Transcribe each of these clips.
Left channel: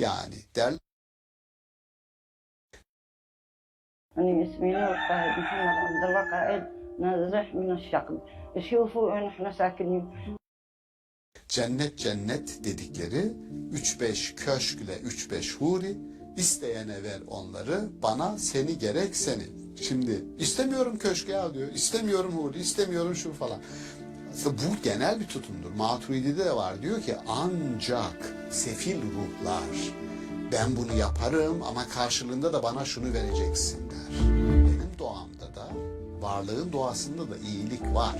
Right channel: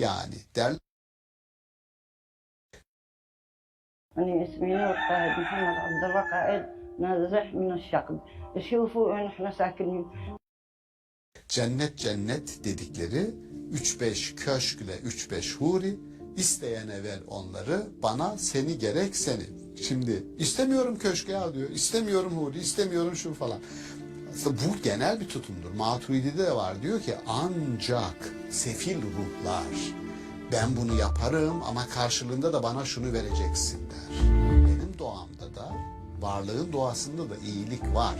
Yani der أنا اسمي نور فهد محمد عبد الوقائد نازح من الشقب. شوفوا وين احنا ساكنين. cennet cennet dedikleri 3-5 köşkle 3-5 huri, isteyene ver onları, bana seni gerek seni. Şimdi istemiyorum köşke al diyor, istemiyorum huri, istemiyorum şu falan. Aslında bu genel bir tutumdur. Maturidi'de de var, diyor ki ancak sefil ruhlar ben bunu yaparım ama karşılığında da bana şunu vereceksin der. Benim doğamda da, varlığın doğasında da iyilik var.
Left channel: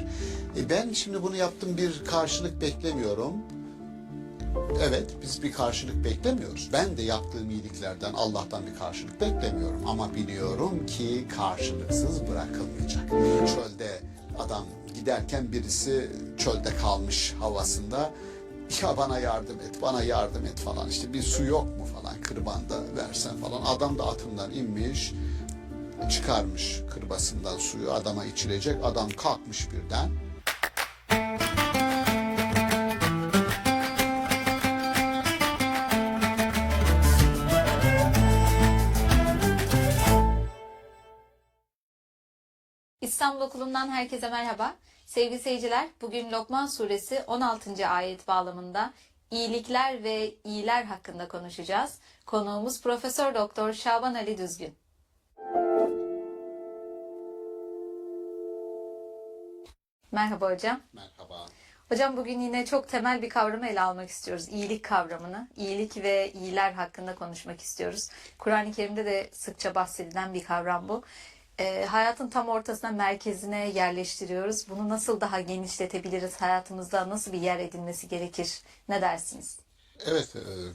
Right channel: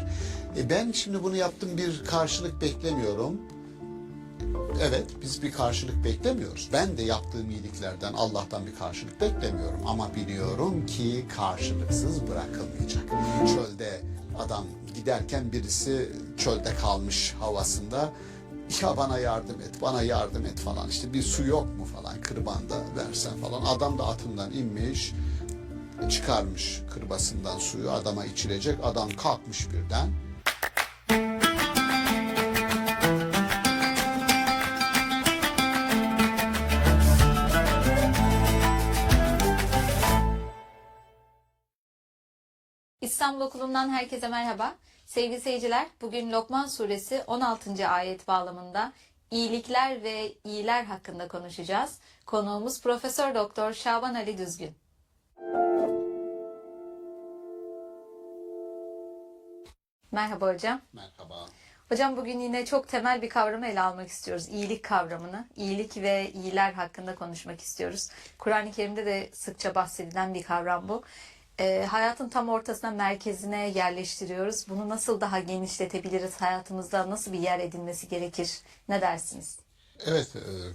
Ben şimdi bunu yaptım, bir karşılık beklemiyorum. Evet, biz bir karşılık beklemiyoruz. Ben de yaptığım iyiliklerden Allah'tan bir karşılık beklemiyorum. Ama biliyorum ki karşılıksız bırakılmayacak. Çölde adam giderken birisi çölde kalmış havasında, ya bana yardım et, bana yardım et falan. İşte bir su yok mu falan, kırbanda versen falan. Adam da atından inmiş, çıkarmış kırbasından suyu, adama içirecek. Adam kalkmış birden. İstanbul Okulu'ndan herkese merhaba. Sevgili seyirciler, bugün Lokman Suresi 16. ayet bağlamında iyilikler ve iyiler hakkında konuşacağız. Konuğumuz Profesör Doktor Şaban Ali Düzgün. Merhaba hocam. Merhaba. Hocam bugün yine çok temel bir kavramı ele almak istiyoruz. İyilik kavramını. İyilik ve iyiler hakkında konuşmak istiyoruz. Kur'an-ı Kerim'de de sıkça bahsedilen bir kavram bu. Hayatın tam ortasına, merkezine yerleştiriyoruz. Bunu nasıl daha genişletebiliriz? Hayatımızda nasıl bir yer edinmesi gerekir? Ne dersiniz? Evet,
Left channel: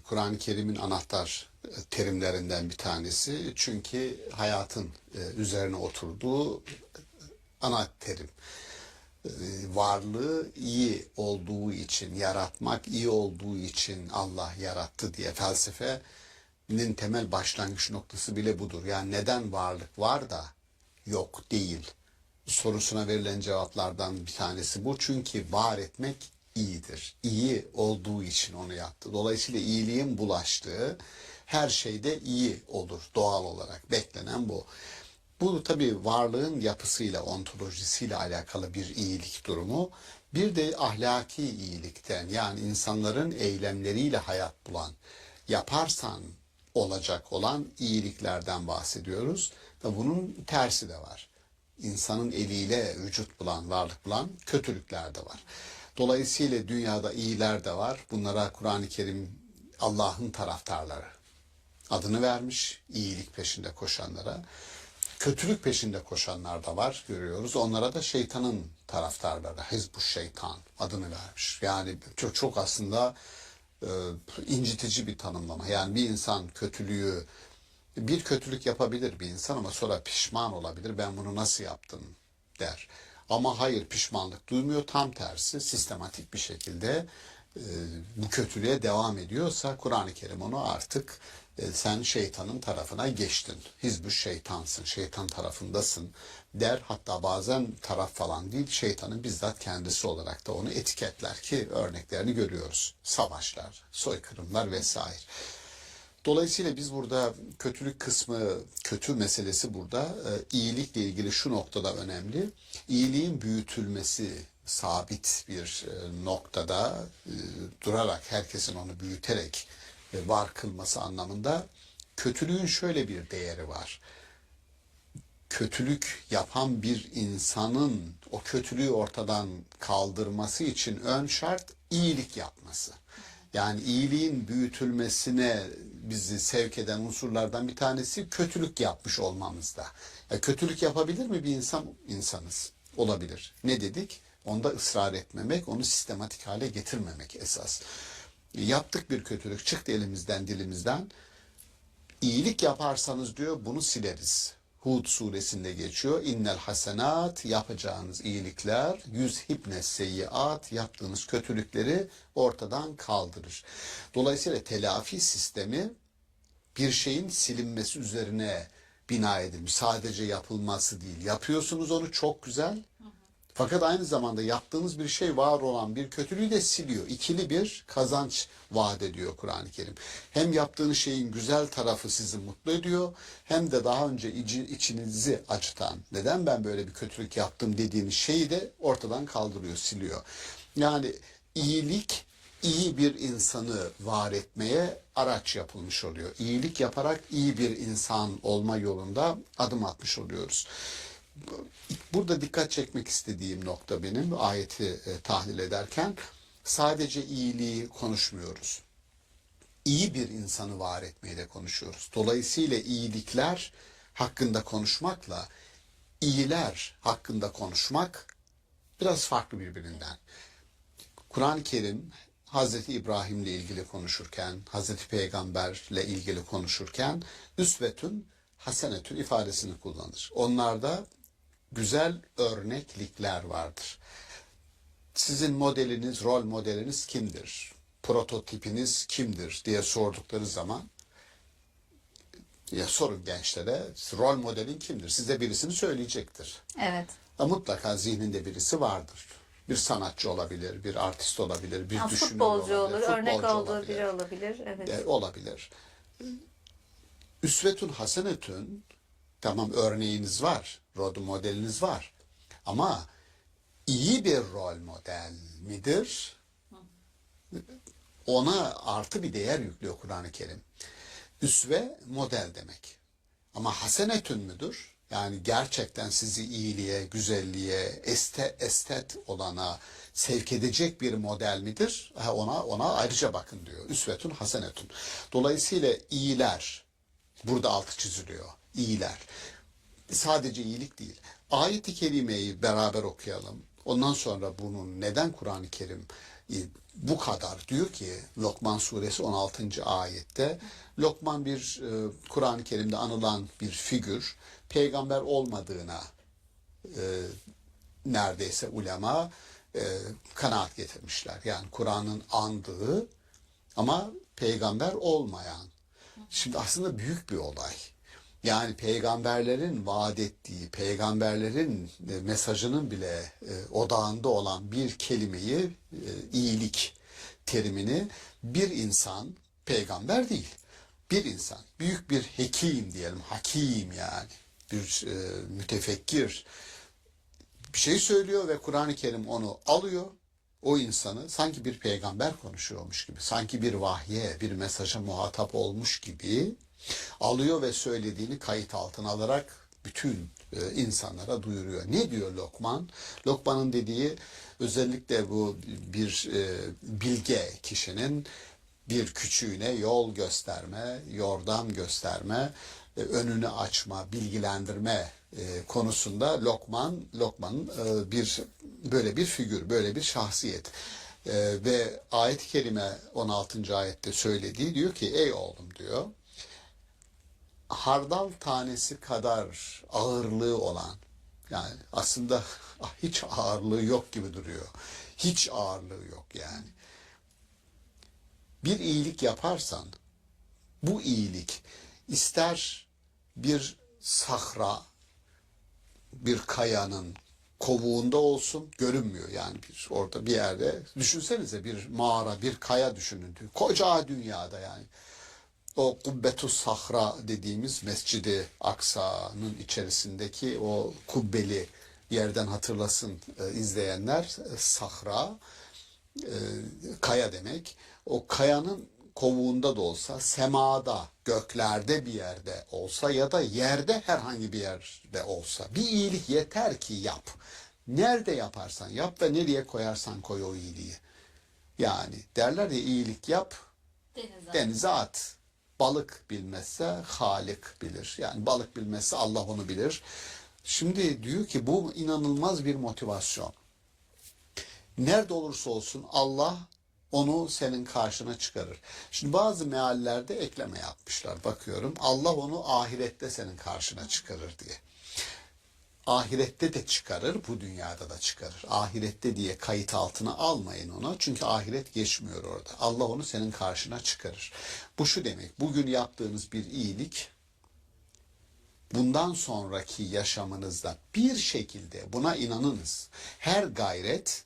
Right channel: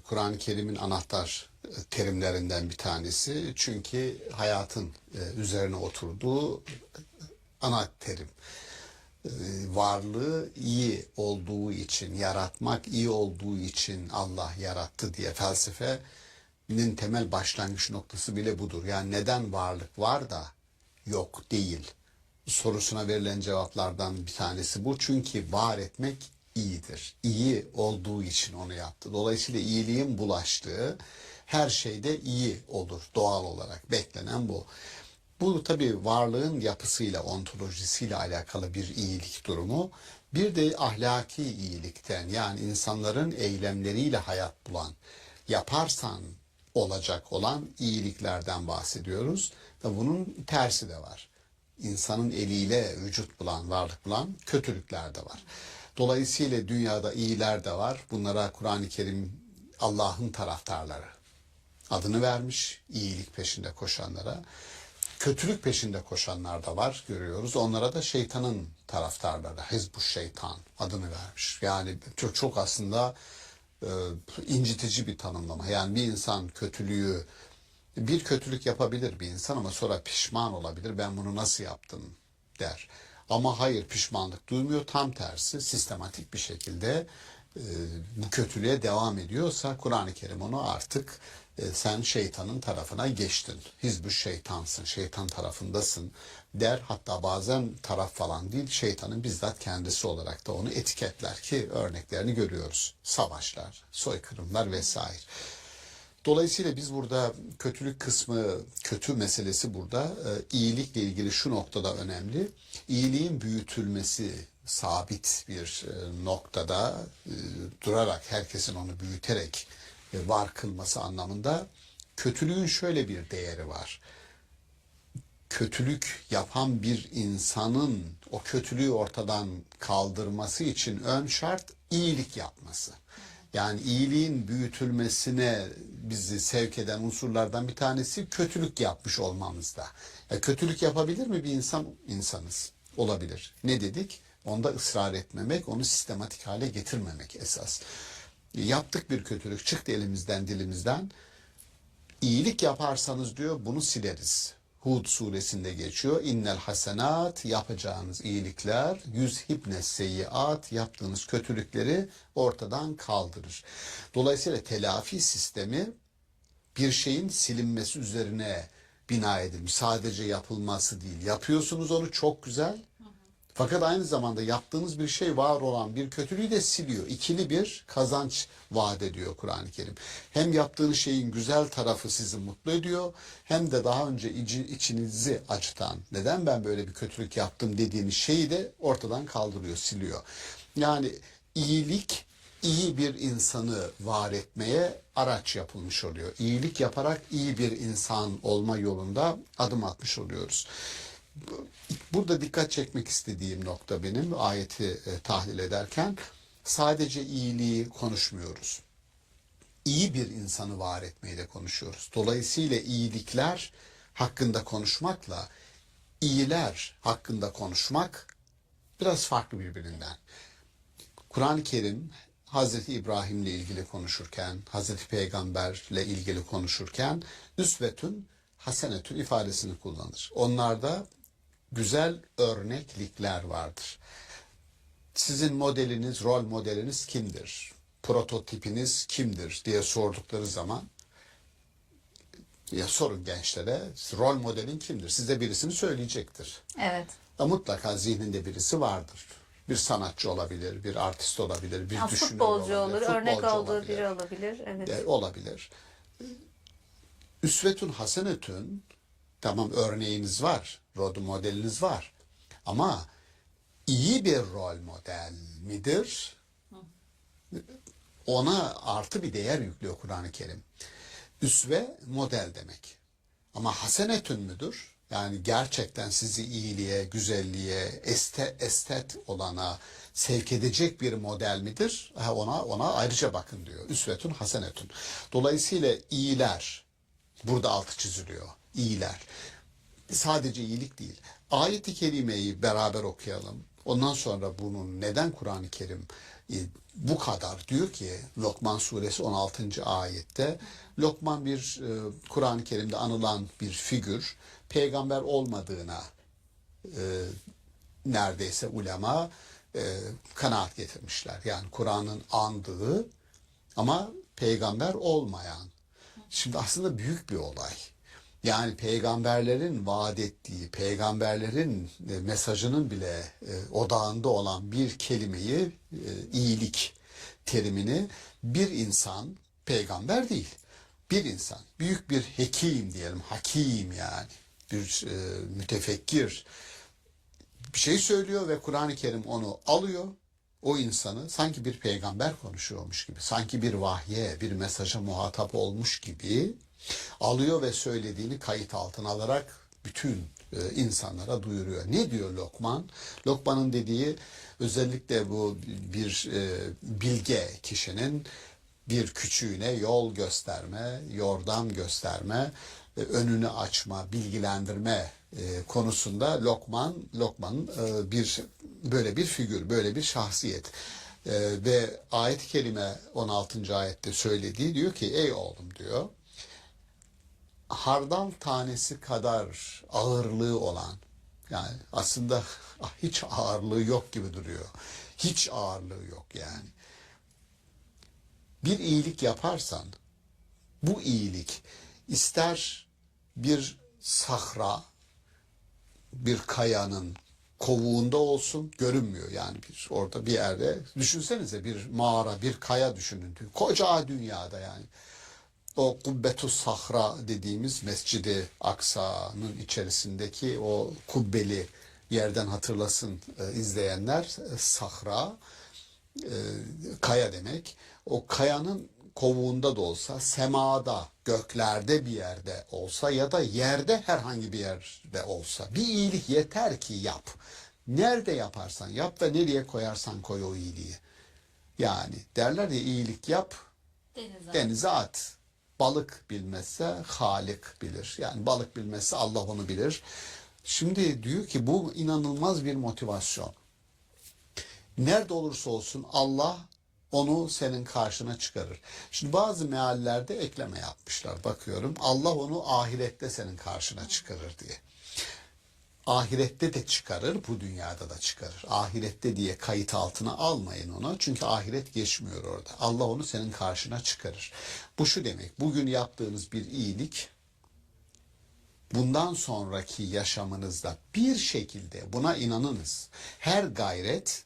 Kur'an-ı Kerim'in anahtar terimlerinden bir tanesi. Çünkü hayatın üzerine oturduğu ana terim. Varlığı iyi olduğu için, yaratmak iyi olduğu için Allah yarattı diye felsefenin temel başlangıç noktası bile budur. Yani neden varlık var da yok değil sorusuna verilen cevaplardan bir tanesi bu. Çünkü var etmek iyidir. İyi olduğu için onu yaptı. Dolayısıyla iyiliğin bulaştığı her şeyde iyi olur doğal olarak. Beklenen bu. Bu tabii varlığın yapısıyla, ontolojisiyle alakalı bir iyilik durumu. Bir de ahlaki iyilikten, yani insanların eylemleriyle hayat bulan, yaparsan olacak olan iyiliklerden bahsediyoruz. Ve bunun tersi de var. İnsanın eliyle vücut bulan, varlık bulan kötülükler de var. Dolayısıyla dünyada iyiler de var. Bunlara Kur'an-ı Kerim Allah'ın taraftarları adını vermiş, iyilik peşinde koşanlara. Kötülük peşinde koşanlar da var, görüyoruz. Onlara da şeytanın taraftarları, Hizbuş Şeytan adını vermiş. Yani çok aslında incitici bir tanımlama. Yani bir insan bir kötülük yapabilir bir insan ama sonra pişman olabilir. Ben bunu nasıl yaptım der. Ama hayır, pişmanlık duymuyor. Tam tersi, sistematik bir şekilde bu kötülüğe devam ediyorsa Kur'an-ı Kerim onu artık sen şeytanın tarafına geçtin. Hizbuş şeytansın, şeytan tarafındasın der. Hatta bazen taraf falan değil, şeytanın bizzat kendisi olarak da onu etiketler ki örneklerini görüyoruz. Savaşlar, soykırımlar vesaire. Dolayısıyla biz burada kötülük kısmı, kötü meselesi burada iyilikle ilgili şu noktada önemli. İyiliğin büyütülmesi sabit bir noktada durarak, herkesin onu büyüterek var kılması anlamında, kötülüğün şöyle bir değeri var. Kötülük yapan bir insanın o kötülüğü ortadan kaldırması için ön şart iyilik yapması. Yani iyiliğin büyütülmesine bizi sevk eden unsurlardan bir tanesi kötülük yapmış olmamızda. Ya kötülük yapabilir mi bir insan? İnsanız. Olabilir. Ne dedik? Onda ısrar etmemek, onu sistematik hale getirmemek esas. Yaptık bir kötülük, çıktı elimizden, dilimizden. İyilik yaparsanız diyor, bunu sileriz. Hud suresinde geçiyor. İnnel hasenat, yapacağınız iyilikler, yüzhibne seyyiat, yaptığınız kötülükleri ortadan kaldırır. Dolayısıyla telafi sistemi bir şeyin silinmesi üzerine bina edilmiş. Sadece yapılması değil. Yapıyorsunuz onu, çok güzel. Fakat aynı zamanda yaptığınız bir şey var olan bir kötülüğü de siliyor. İkili bir kazanç vaat ediyor Kur'an-ı Kerim. Hem yaptığınız şeyin güzel tarafı sizi mutlu ediyor, hem de daha önce içinizi acıtan, neden ben böyle bir kötülük yaptım dediğiniz şeyi de ortadan kaldırıyor, siliyor. Yani iyilik, iyi bir insanı var etmeye araç yapılmış oluyor. İyilik yaparak iyi bir insan olma yolunda adım atmış oluyoruz. Burada dikkat çekmek istediğim nokta benim ayeti tahlil ederken sadece iyiliği konuşmuyoruz. İyi bir insanı var etmeyi de konuşuyoruz. Dolayısıyla iyilikler hakkında konuşmakla iyiler hakkında konuşmak biraz farklı birbirinden. Kur'an-ı Kerim Hazreti İbrahim'le ilgili konuşurken, Hazreti Peygamber'le ilgili konuşurken üsvetün hasenetün ifadesini kullanır. Onlarda güzel örneklikler vardır. Sizin modeliniz, rol modeliniz kimdir? Prototipiniz kimdir diye sordukları zaman ya sorun gençlere, rol modelin kimdir? Size birisini söyleyecektir. Evet. Mutlaka zihninde birisi vardır. Bir sanatçı olabilir, bir artist olabilir, bir Ya, düşünür futbolcu olabilir, olur, örnek futbolcu olduğu olabilir. biri olabilir. Evet. Olabilir. Üsvetün hasenetün, tamam örneğiniz var, rol modeliniz var. Ama iyi bir rol model midir? Ona artı bir değer yüklüyor Kur'an-ı Kerim. Üsve model demek. Ama hasenetün müdür? Yani gerçekten sizi iyiliğe, güzelliğe, estet olana sevk edecek bir model midir? Ona ayrıca bakın diyor. Üsvetün hasenetün. Dolayısıyla iyiler, burada altı çiziliyor. İyiler. Sadece iyilik değil. Ayet-i kerimeyi beraber okuyalım. Ondan sonra bunun neden Kur'an-ı Kerim bu kadar diyor ki Lokman suresi 16. ayette Lokman bir Kur'an-ı Kerim'de anılan bir figür, peygamber olmadığına neredeyse ulema kanaat getirmişler. Yani Kur'an'ın andığı ama peygamber olmayan. Şimdi aslında büyük bir olay. Yani peygamberlerin vaat ettiği, peygamberlerin mesajının bile odağında olan bir kelimeyi, iyilik terimini bir insan, peygamber değil, bir insan, büyük bir hekim diyelim, hakim yani, bir mütefekkir bir şey söylüyor ve Kur'an-ı Kerim onu alıyor. O insanı sanki bir peygamber konuşuyormuş gibi, sanki bir vahye, bir mesaja muhatap olmuş gibi alıyor ve söylediğini kayıt altına alarak bütün insanlara duyuruyor. Ne diyor Lokman? Lokman'ın dediği özellikle bu bir bilge kişinin bir küçüğüne yol gösterme, yordam gösterme, önünü açma, bilgilendirme konusunda Lokman'ın bir böyle bir figür, böyle bir şahsiyet. Ve ayet-i kerime 16. ayette söylediği diyor ki ey oğlum diyor hardal tanesi kadar ağırlığı olan yani aslında hiç ağırlığı yok gibi duruyor. Hiç ağırlığı yok yani. Bir iyilik yaparsan bu iyilik ister bir sahra, bir kayanın kovuğunda olsun görünmüyor yani orada bir yerde düşünsenize bir mağara bir kaya düşünün koca dünyada yani o Kubbetus Sahra dediğimiz Mescid-i Aksa'nın içerisindeki o kubbeli yerden hatırlasın izleyenler sahra kaya demek o kayanın kovuğunda da olsa semada göklerde bir yerde olsa ya da yerde herhangi bir yerde olsa bir iyilik yeter ki yap. Nerede yaparsan yap ve nereye koyarsan koy o iyiliği. Yani derler ya iyilik yap denize at. Balık bilmezse Halik bilir. Yani balık bilmezse Allah onu bilir. Şimdi diyor ki bu inanılmaz bir motivasyon. Nerede olursa olsun Allah onu senin karşına çıkarır. Şimdi bazı meallerde ekleme yapmışlar. Bakıyorum Allah onu ahirette senin karşına çıkarır diye. Ahirette de çıkarır, bu dünyada da çıkarır. Ahirette diye kayıt altına almayın onu. Çünkü ahiret geçmiyor orada. Allah onu senin karşına çıkarır. Bu şu demek, bugün yaptığınız bir iyilik bundan sonraki yaşamınızda bir şekilde buna inanınız. Her gayret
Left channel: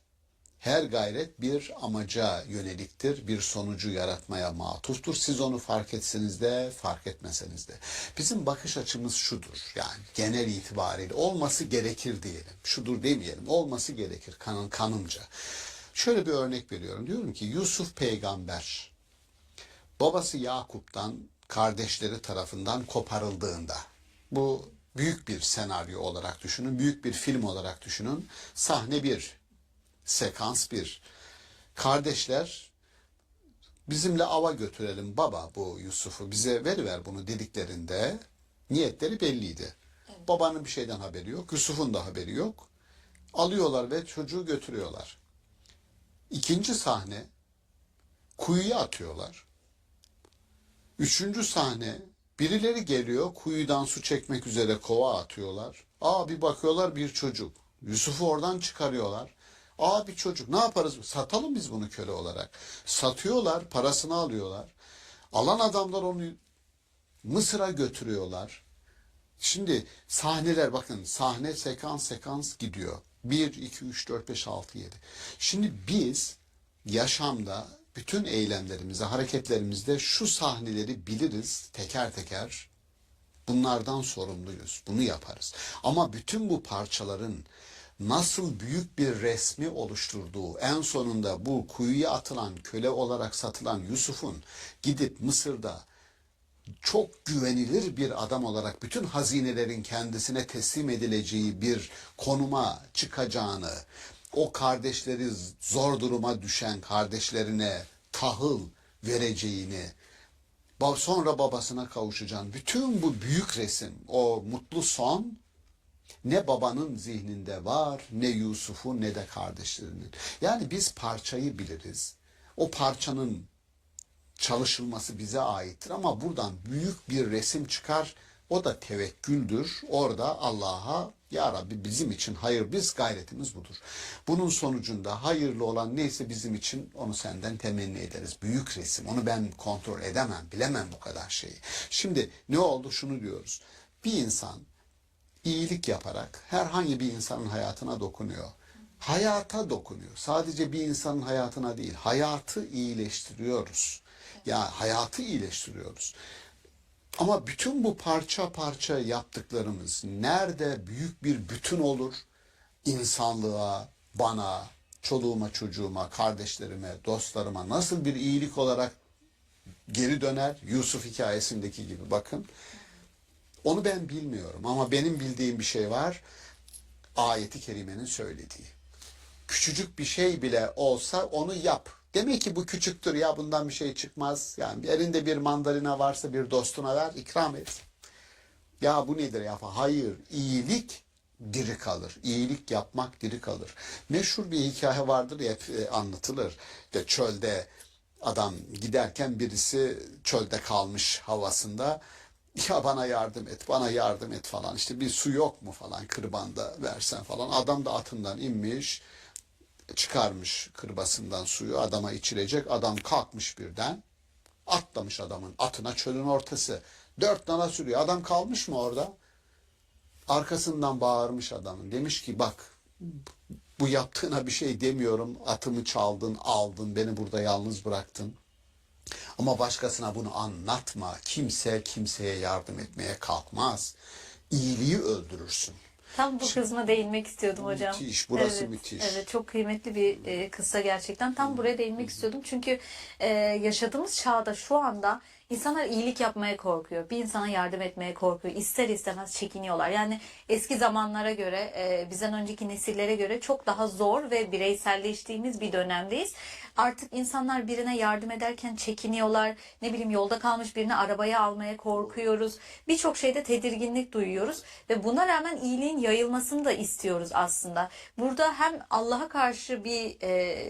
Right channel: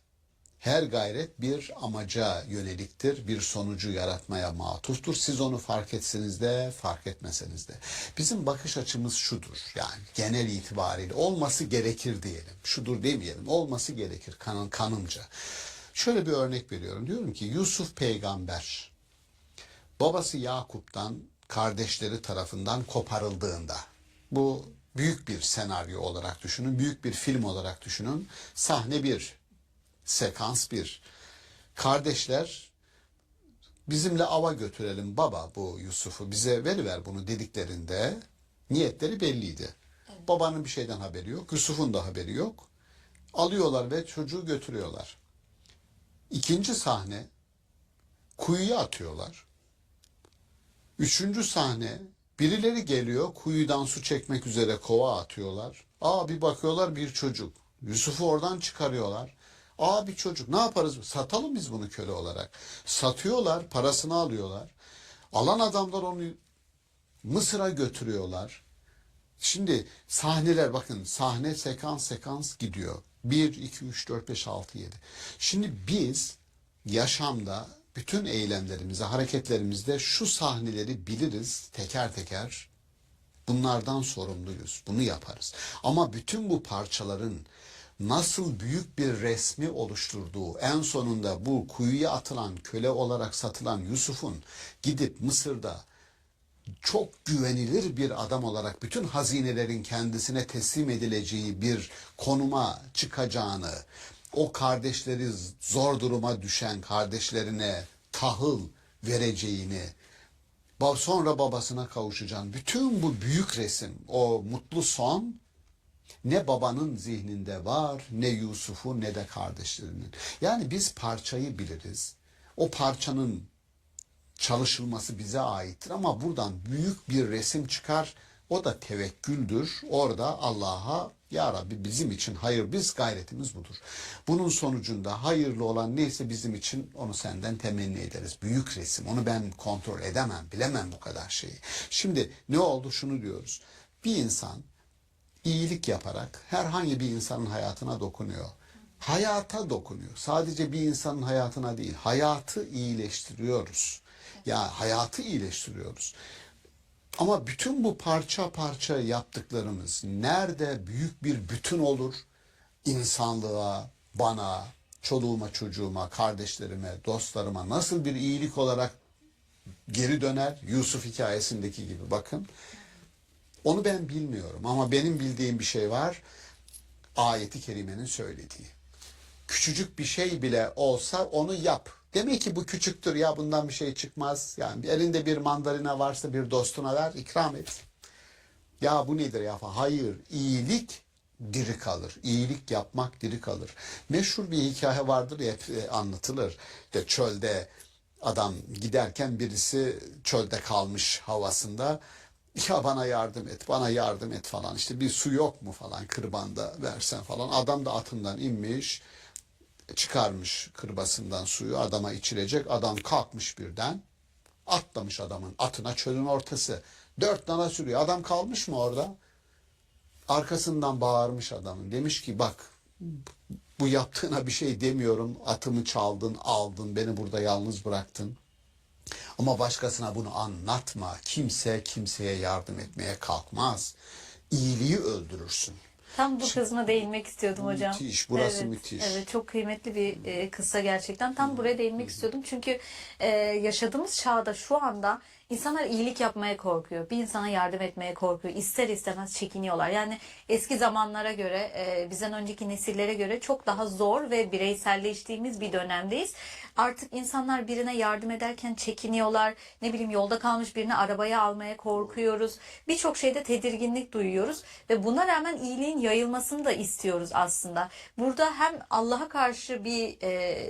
bir amaca yöneliktir, bir sonucu yaratmaya matuftur. Siz onu fark etseniz de, fark etmeseniz de. Bizim bakış açımız şudur, yani genel itibariyle olması gerekir diyelim. Şudur demeyelim, olması gerekir kanımca. Şöyle bir örnek veriyorum. Diyorum ki Yusuf peygamber, babası Yakup'tan kardeşleri tarafından koparıldığında, bu büyük bir senaryo olarak düşünün, büyük bir film olarak düşünün, sahne bir. Sekans bir. Kardeşler bizimle ava götürelim baba bu Yusuf'u bize veriver bunu dediklerinde niyetleri belliydi. Evet. Babanın bir şeyden haberi yok. Yusuf'un da haberi yok. Alıyorlar ve çocuğu götürüyorlar. İkinci sahne kuyuya atıyorlar. Üçüncü sahne birileri geliyor kuyudan su çekmek üzere kova atıyorlar. Bir bakıyorlar bir çocuk. Yusuf'u oradan çıkarıyorlar. Bir çocuk ne yaparız? Satalım biz bunu köle olarak. Satıyorlar, parasını alıyorlar. Alan adamlar onu Mısır'a götürüyorlar. Şimdi sahneler bakın sahne sekans gidiyor. 1, 2, 3, 4, 5, 6, 7. Şimdi biz yaşamda bütün eylemlerimizde, hareketlerimizde şu sahneleri biliriz teker teker. Bunlardan sorumluyuz. Bunu yaparız. Ama bütün bu parçaların nasıl büyük bir resmi oluşturduğu, en sonunda bu kuyuya atılan, köle olarak satılan Yusuf'un gidip Mısır'da çok güvenilir bir adam olarak bütün hazinelerin kendisine teslim edileceği bir konuma çıkacağını, o kardeşleri zor duruma düşen kardeşlerine tahıl vereceğini, sonra babasına kavuşacağını, bütün bu büyük resim, o mutlu son ne babanın zihninde var, ne Yusuf'un ne de kardeşlerinin. Yani biz parçayı biliriz. O parçanın çalışılması bize aittir ama buradan büyük bir resim çıkar. O da tevekküldür. Orada Allah'a ya Rabbi bizim için hayır biz gayretimiz budur. Bunun sonucunda hayırlı olan neyse bizim için onu senden temenni ederiz. Büyük resim. Onu ben kontrol edemem, bilemem bu kadar şeyi. Şimdi ne oldu? Şunu diyoruz. Bir insan iyilik yaparak herhangi bir insanın hayatına dokunuyor. Hayata dokunuyor. Sadece bir insanın hayatına değil, hayatı iyileştiriyoruz. Ya hayatı iyileştiriyoruz. Ama bütün bu parça parça yaptıklarımız nerede büyük bir bütün olur? İnsanlığa, bana, çoluğuma, çocuğuma, kardeşlerime, dostlarıma nasıl bir iyilik olarak geri döner? Yusuf hikayesindeki gibi bakın. Onu ben bilmiyorum ama benim bildiğim bir şey var. Ayet-i kerimenin söylediği. Küçücük bir şey bile olsa onu yap. Demek ki bu küçüktür ya bundan bir şey çıkmaz. Yani elinde bir mandalina varsa bir dostuna ver, ikram et. Ya bu nedir ya? Hayır, iyilik diri kalır. İyilik yapmak diri kalır. Meşhur bir hikaye vardır ya hep anlatılır. İşte çölde adam giderken birisi çölde kalmış havasında. Ya bana yardım et, bana yardım et falan. İşte bir su yok mu falan kırbanda versen falan. Adam da atından inmiş, çıkarmış kırbasından suyu adama içirecek. Adam kalkmış birden, atlamış adamın atına çölün ortası. 4 nala sürüyor. Adam kalmış mı orada? Arkasından bağırmış adamın. Demiş ki bak bu yaptığına bir şey demiyorum. Atımı çaldın, aldın, beni burada yalnız bıraktın. Ama başkasına bunu anlatma. Kimse kimseye yardım etmeye kalkmaz. İyiliği öldürürsün. Tam bu kısma değinmek istiyordum hocam. Müthiş, burası Evet, müthiş. evet çok kıymetli bir kıssa gerçekten. Tam buraya değinmek istiyordum. Çünkü yaşadığımız çağda şu anda insanlar iyilik yapmaya korkuyor. Bir insana yardım etmeye korkuyor. İster istemez çekiniyorlar. Yani eski zamanlara göre, bizden önceki nesillere göre çok daha zor ve bireyselleştiğimiz bir dönemdeyiz. Artık insanlar birine yardım ederken çekiniyorlar. Ne bileyim yolda kalmış birini arabaya almaya korkuyoruz. Birçok şeyde tedirginlik duyuyoruz ve buna rağmen iyiliğin yayılmasını da istiyoruz aslında. Burada hem Allah'a karşı bir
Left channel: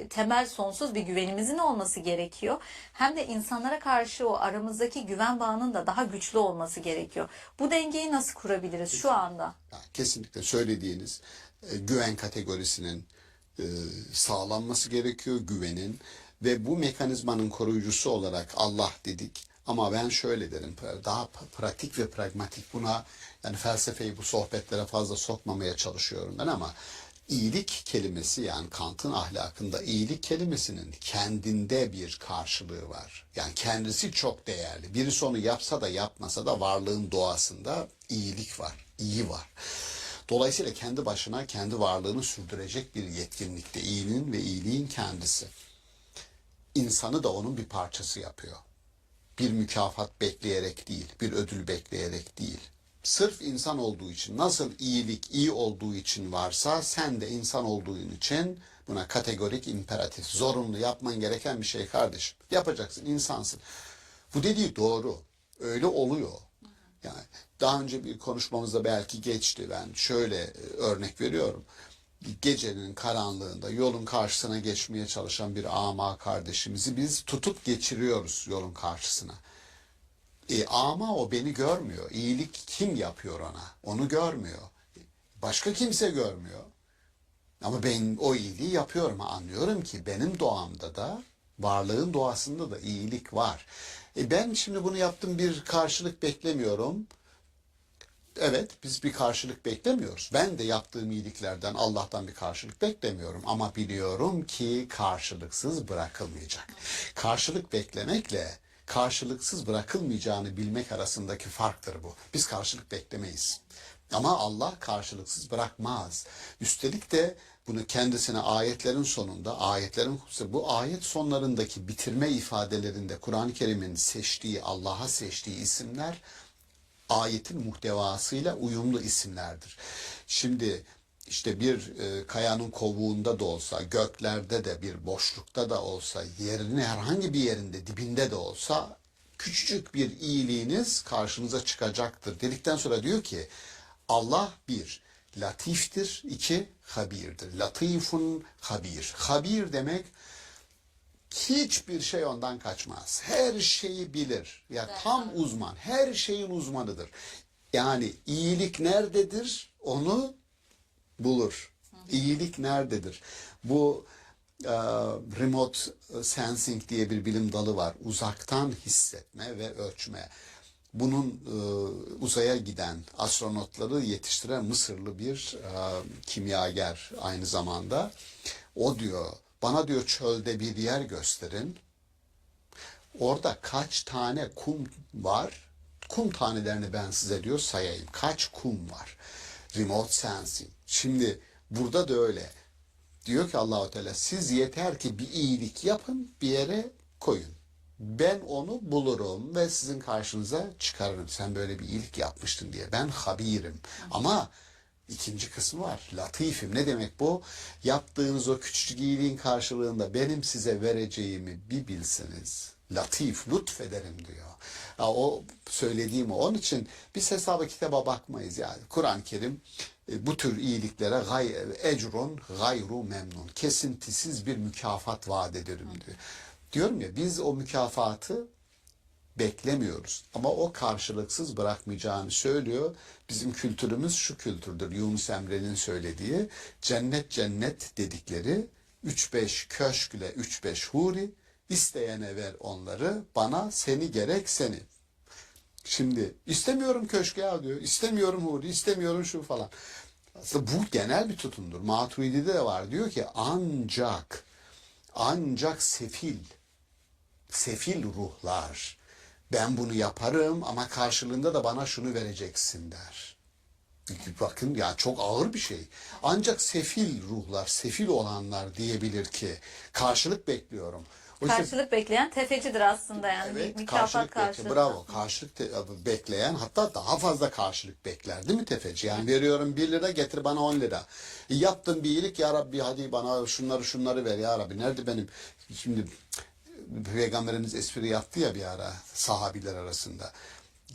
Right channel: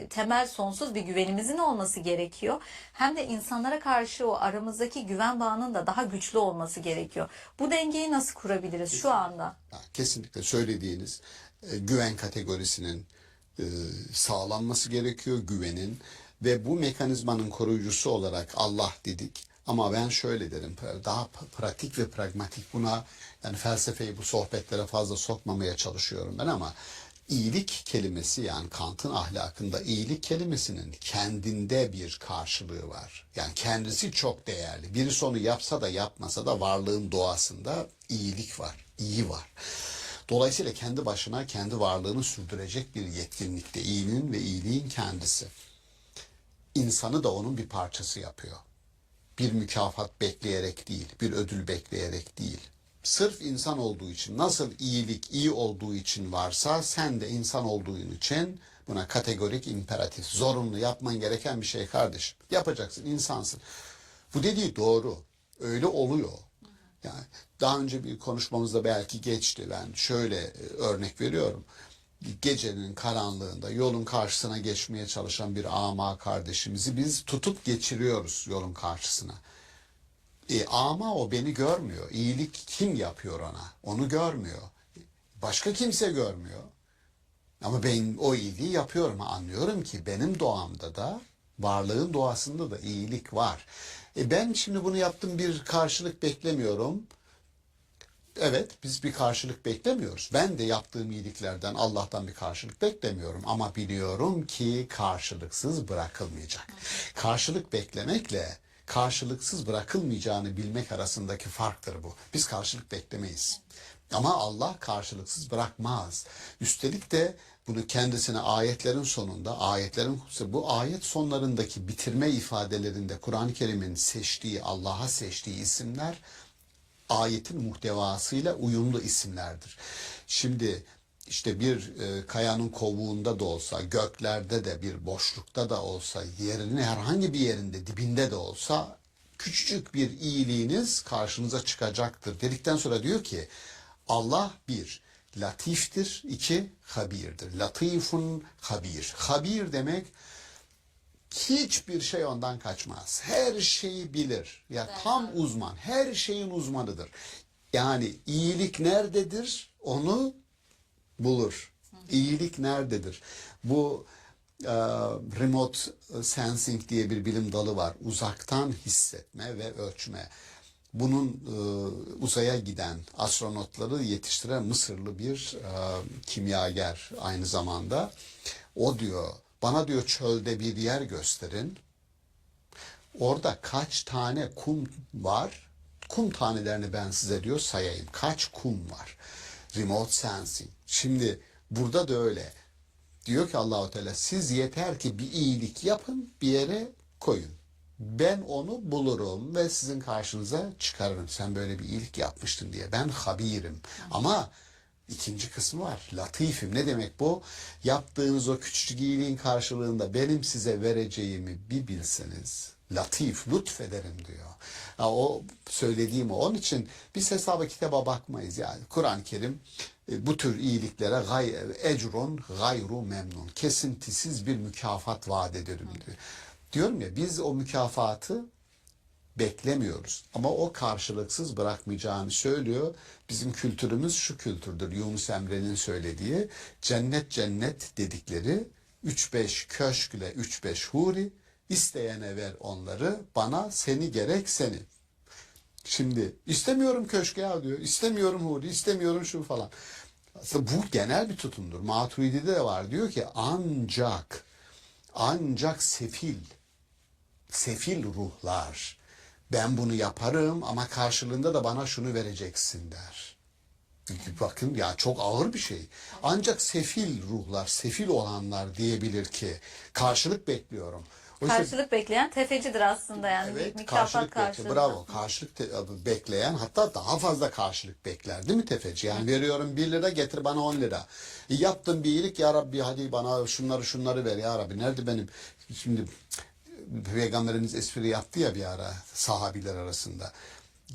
temel sonsuz bir güvenimizin olması gerekiyor. Hem de insanlara karşı o aramızdaki güven bağının da daha güçlü olması gerekiyor. Bu dengeyi nasıl kurabiliriz şu anda? Kesinlikle söylediğiniz güven kategorisinin sağlanması gerekiyor güvenin ve bu mekanizmanın koruyucusu olarak Allah dedik. Ama ben şöyle derim, daha pratik ve pragmatik, buna yani felsefeyi bu sohbetlere fazla sokmamaya çalışıyorum ben, ama iyilik kelimesi, yani Kant'ın ahlakında iyilik kelimesinin kendinde bir karşılığı var. Yani kendisi çok değerli. Birisi onu yapsa da yapmasa da varlığın doğasında iyilik var, iyi var. Dolayısıyla kendi başına kendi varlığını sürdürecek bir yetkinlikte iyiliğin ve iyiliğin kendisi. İnsanı da onun bir parçası yapıyor. Bir mükafat bekleyerek değil, bir ödül bekleyerek değil. Sırf insan olduğu için, nasıl iyilik iyi olduğu için varsa, sen de insan olduğun için buna kategorik, imperatif, zorunlu yapman gereken bir şey kardeşim. Yapacaksın, insansın. Bu dediği doğru. Öyle oluyor. Yani daha önce bir konuşmamızda belki geçti. Ben şöyle örnek veriyorum. Gecenin karanlığında yolun karşısına geçmeye çalışan bir ama kardeşimizi biz tutup geçiriyoruz yolun karşısına. Ama o beni görmüyor. İyilik kim yapıyor ona? Onu görmüyor. Başka kimse görmüyor. Ama ben o iyiliği yapıyorum. Anlıyorum ki benim doğamda da, varlığın doğasında da iyilik var. Ben şimdi bunu yaptım, bir karşılık beklemiyorum. Evet, biz bir karşılık beklemiyoruz. Ben de yaptığım iyiliklerden Allah'tan bir karşılık beklemiyorum. Ama biliyorum ki karşılıksız bırakılmayacak. Karşılık beklemekle karşılıksız bırakılmayacağını bilmek arasındaki farktır bu. Biz karşılık beklemeyiz. Ama Allah karşılıksız bırakmaz. Üstelik de bunu kendisine ayetlerin sonunda, bu ayet sonlarındaki bitirme ifadelerinde Kur'an-ı Kerim'in seçtiği, Allah'a seçtiği isimler ayetin muhtevasıyla uyumlu isimlerdir. Şimdi işte bir kayanın kovuğunda da olsa, göklerde de, bir boşlukta da olsa, yerinin herhangi bir yerinde, dibinde de olsa küçücük bir iyiliğiniz karşınıza çıkacaktır. Dedikten sonra diyor ki Allah bir, latiftir, iki, habirdir. Latifun habir. Habir demek hiçbir şey ondan kaçmaz. Her şeyi bilir. Ya tam uzman. Her şeyin uzmanıdır. Yani iyilik nerededir? Onu bulur. İyilik nerededir? Bu remote sensing diye bir bilim dalı var. Uzaktan hissetme ve ölçme. Bunun uzaya giden astronotları yetiştiren Mısırlı bir kimyager aynı zamanda. O diyor, bana diyor çölde bir yer gösterin. Orada kaç tane kum var? Kum tanelerini ben size diyor sayayım. Kaç kum var? Remote sensing. Şimdi burada da öyle. Diyor ki Allahu Teala, siz yeter ki bir iyilik yapın, bir yere koyun. Ben onu bulurum ve sizin karşınıza çıkarırım. Sen böyle bir iyilik yapmıştın diye. Ben habirim. Ama ikinci kısmı var. Latifim. Ne demek bu? Yaptığınız o küçücük iyiliğin karşılığında benim size vereceğimi bir bilseniz. Latif, lütfederim diyor. Ya o söylediğim o. Onun için biz hesaba kitaba bakmayız yani. Kur'an-ı Kerim bu tür iyiliklere ecrun gayru memnun. Kesintisiz bir mükafat vaat ederim diyor. Diyorum ya, biz o mükafatı beklemiyoruz. Ama o karşılıksız bırakmayacağını söylüyor. Bizim kültürümüz şu kültürdür. Yunus Emre'nin söylediği cennet cennet dedikleri 3-5 köşkle 3-5 huri, isteyene ver onları, bana seni gerek seni. Şimdi istemiyorum köşke ya diyor. İstemiyorum huri, istemiyorum şu falan. Aslında bu genel bir tutumdur. Maturidi'de de var. Diyor ki ancak sefil ruhlar ben bunu yaparım ama karşılığında da bana şunu vereceksin der. Bakın ya, çok ağır bir şey. Ancak sefil ruhlar, sefil olanlar diyebilir ki karşılık bekliyorum. Oysa, Karşılık bekleyen tefecidir aslında yani. evet, Mükafat karşılık karşılığında. bravo. Karşılık bekleyen, hatta daha fazla karşılık bekler değil mi tefeci? Yani veriyorum 1 lira, getir bana 10 lira. Yaptım bir iyilik, ya Rabbi hadi bana şunları ver ya Rabbi. Nerede benim? Şimdi Peygamberimiz espri yaptı ya bir ara sahabiler arasında.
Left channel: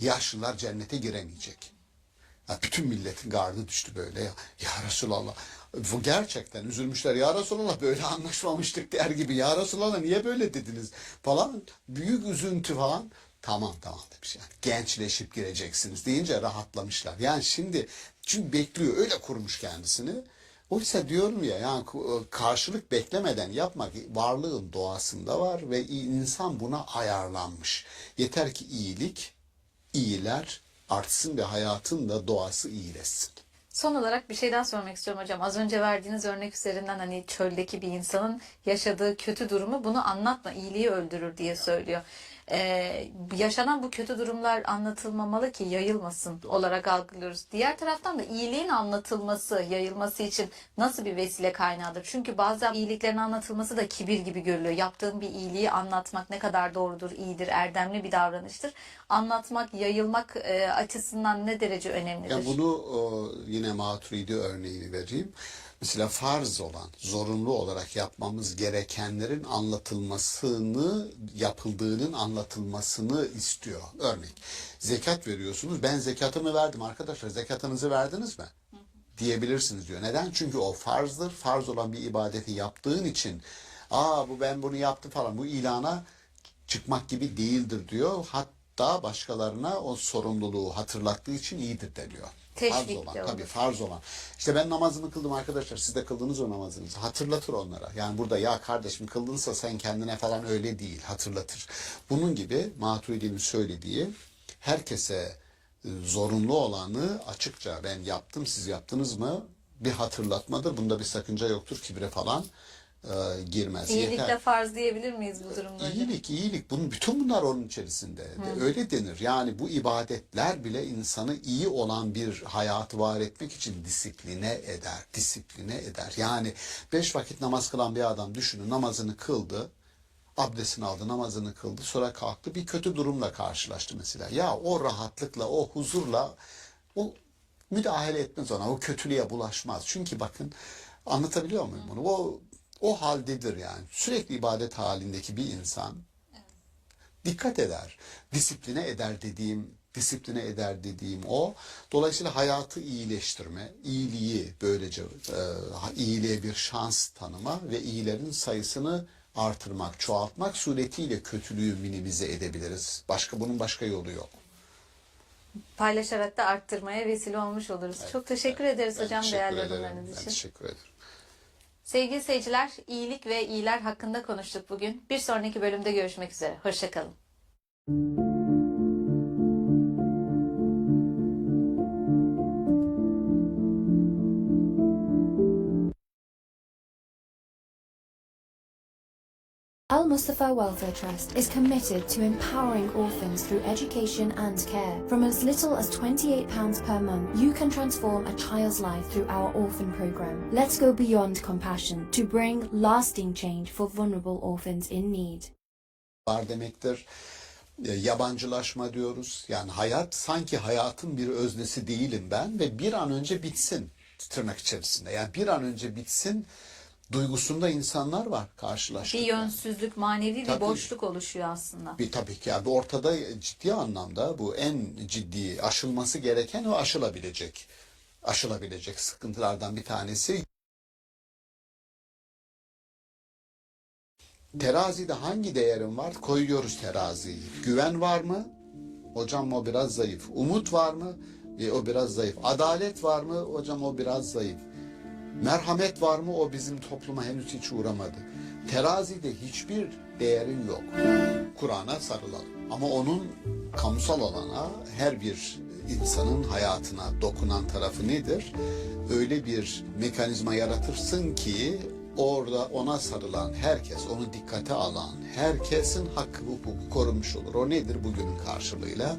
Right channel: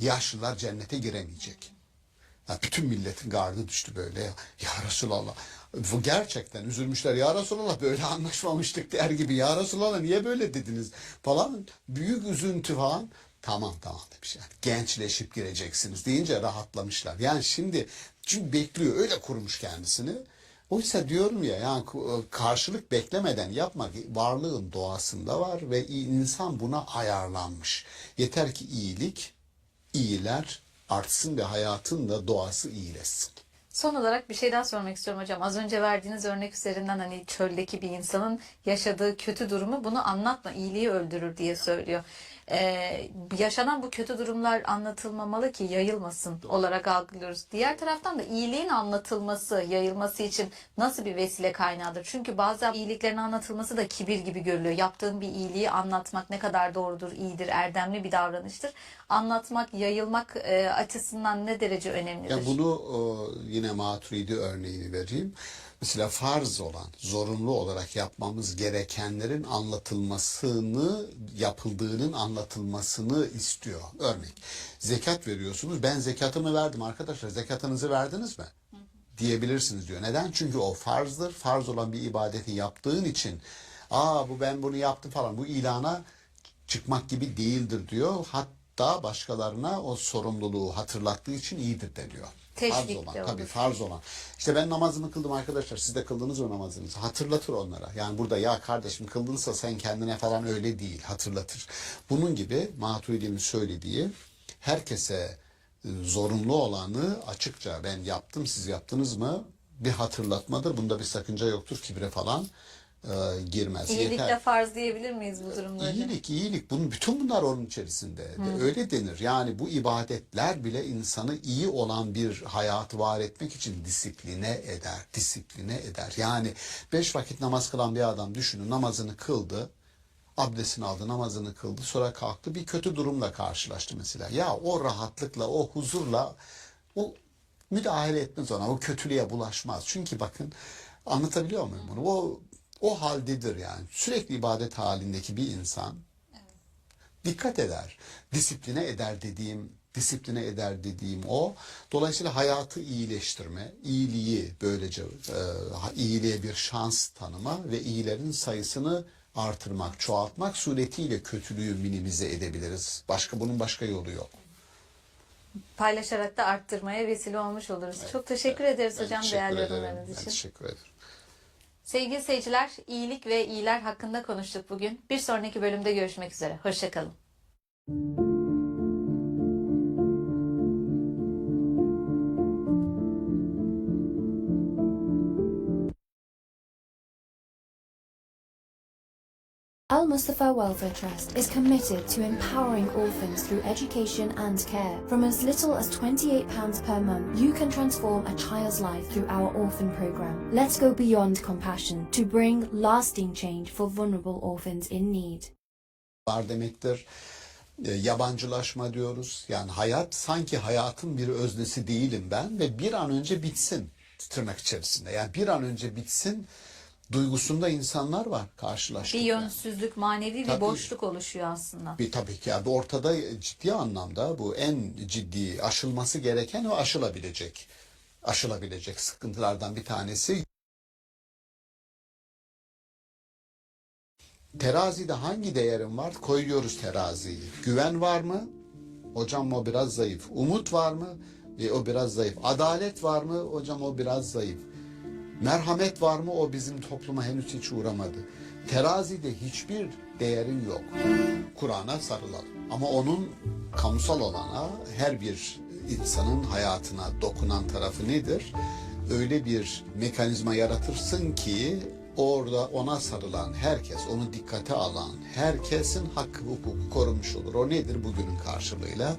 Yaşlılar cennete giremeyecek. Ya bütün milletin gardı düştü böyle. Ya Resulallah. Bu gerçekten üzülmüşler. Ya Resulallah, böyle anlaşmamıştık der gibi. Ya Resulallah, niye böyle dediniz falan. Büyük üzüntü falan. Tamam demiş yani. Gençleşip gireceksiniz deyince rahatlamışlar. Yani şimdi çünkü bekliyor, öyle kurmuş kendisini. Oysa diyorum ya, yani karşılık beklemeden yapmak varlığın doğasında var ve insan buna ayarlanmış. Yeter ki iyiler artsın ve hayatın da doğası iyileşsin. Son olarak bir şey daha sormak istiyorum hocam. Az önce verdiğiniz örnek üzerinden hani çöldeki bir insanın yaşadığı kötü durumu bunu anlatma, iyiliği öldürür diye söylüyor. Yaşanan bu kötü durumlar anlatılmamalı ki yayılmasın olarak algılıyoruz. Diğer taraftan da iyiliğin anlatılması, yayılması için nasıl bir vesile kaynağıdır? Çünkü bazen iyiliklerin anlatılması da kibir gibi görülüyor. Yaptığın bir iyiliği anlatmak ne kadar doğrudur, iyidir, erdemli bir davranıştır. Anlatmak, yayılmak açısından ne derece önemlidir? Ya bunu yine Maturidi örneğini vereyim. Mesela farz olan, zorunlu olarak yapmamız gerekenlerin anlatılmasını, yapıldığının anlatılmasını istiyor. Örnek, zekat veriyorsunuz. Ben zekatımı verdim arkadaşlar. Zekatınızı verdiniz mi? Diyebilirsiniz diyor. Neden? Çünkü o farzdır. Farz olan bir ibadeti yaptığın için, ben bunu yaptım falan, bu ilana çıkmak gibi değildir diyor. Hatta başkalarına o sorumluluğu hatırlattığı için iyidir deniyor. Farz Teşvik olan, de tabii olur. farz olan. İşte ben namazımı kıldım arkadaşlar, siz de kıldınız o namazınızı. Hatırlatır onlara. Yani burada ya kardeşim kıldınsa sen kendine falan, öyle değil, hatırlatır. Bunun gibi Maturidi'nin söylediği, herkese zorunlu olanı açıkça ben yaptım, siz yaptınız mı, bir hatırlatmadır. Bunda bir sakınca yoktur, kibre falan girmez. İyilikle Yeter. farz diyebilir miyiz bu durumda hocam? İyilik. Bütün bunlar onun içerisinde. Öyle denir. Yani bu ibadetler bile insanı iyi olan bir hayatı var etmek için disipline eder. Yani 5 vakit namaz kılan bir adam düşünün, namazını kıldı, abdestini aldı, namazını kıldı, sonra kalktı, bir kötü durumla karşılaştı mesela. Ya o rahatlıkla, o huzurla o müdahale etmez ona, o kötülüğe bulaşmaz. Çünkü bakın, anlatabiliyor muyum bunu? O haldedir yani. Sürekli ibadet halindeki bir insan dikkat eder. Disipline eder dediğim o. Dolayısıyla hayatı iyileştirme, iyiliği böylece iyiliğe bir şans tanıma ve iyilerin sayısını artırmak, çoğaltmak suretiyle kötülüğü minimize edebiliriz. Bunun başka yolu yok. Paylaşarak da arttırmaya vesile olmuş oluruz. Çok teşekkür ederiz Ben hocam teşekkür değerli ederim. yorumlarınız Ben için. teşekkür ederim. Sevgili seyirciler, iyilik ve iyiler hakkında konuştuk bugün. Bir sonraki bölümde görüşmek üzere. Hoşça kalın. Al Mustafa Welfare Trust is committed to empowering orphans through education and care. From as little as £28 per month, you can transform a child's life through our orphan program. Let's go beyond compassion to bring lasting change for vulnerable orphans in need. Var demektir. Yabancılaşma diyoruz. Yani hayat, sanki hayatın bir öznesi değilim ben ve bir an önce bitsin, tırnak içerisinde. Yani bir an önce bitsin duygusunda insanlar var karşılaştık. Bir yönsüzlük, manevi bir Tabii. boşluk oluşuyor aslında. Tabii ki yani ortada ciddi anlamda bu en ciddi aşılması gereken ve aşılabilecek sıkıntılardan bir tanesi. Terazide hangi değerin var? Koyuyoruz teraziyi. Güven var mı? Hocam o biraz zayıf. Umut var mı? O biraz zayıf. Adalet var mı? Hocam o biraz zayıf. Merhamet var mı? O bizim topluma henüz hiç uğramadı. Terazide hiçbir değerin yok. Kur'an'a sarılalım. Ama onun kamusal olana, her bir insanın hayatına dokunan tarafı nedir? Öyle bir mekanizma yaratırsın ki orada ona sarılan herkes, onu dikkate alan herkesin hakkı, hukuku korunmuş olur. O nedir? Bugünün karşılığıyla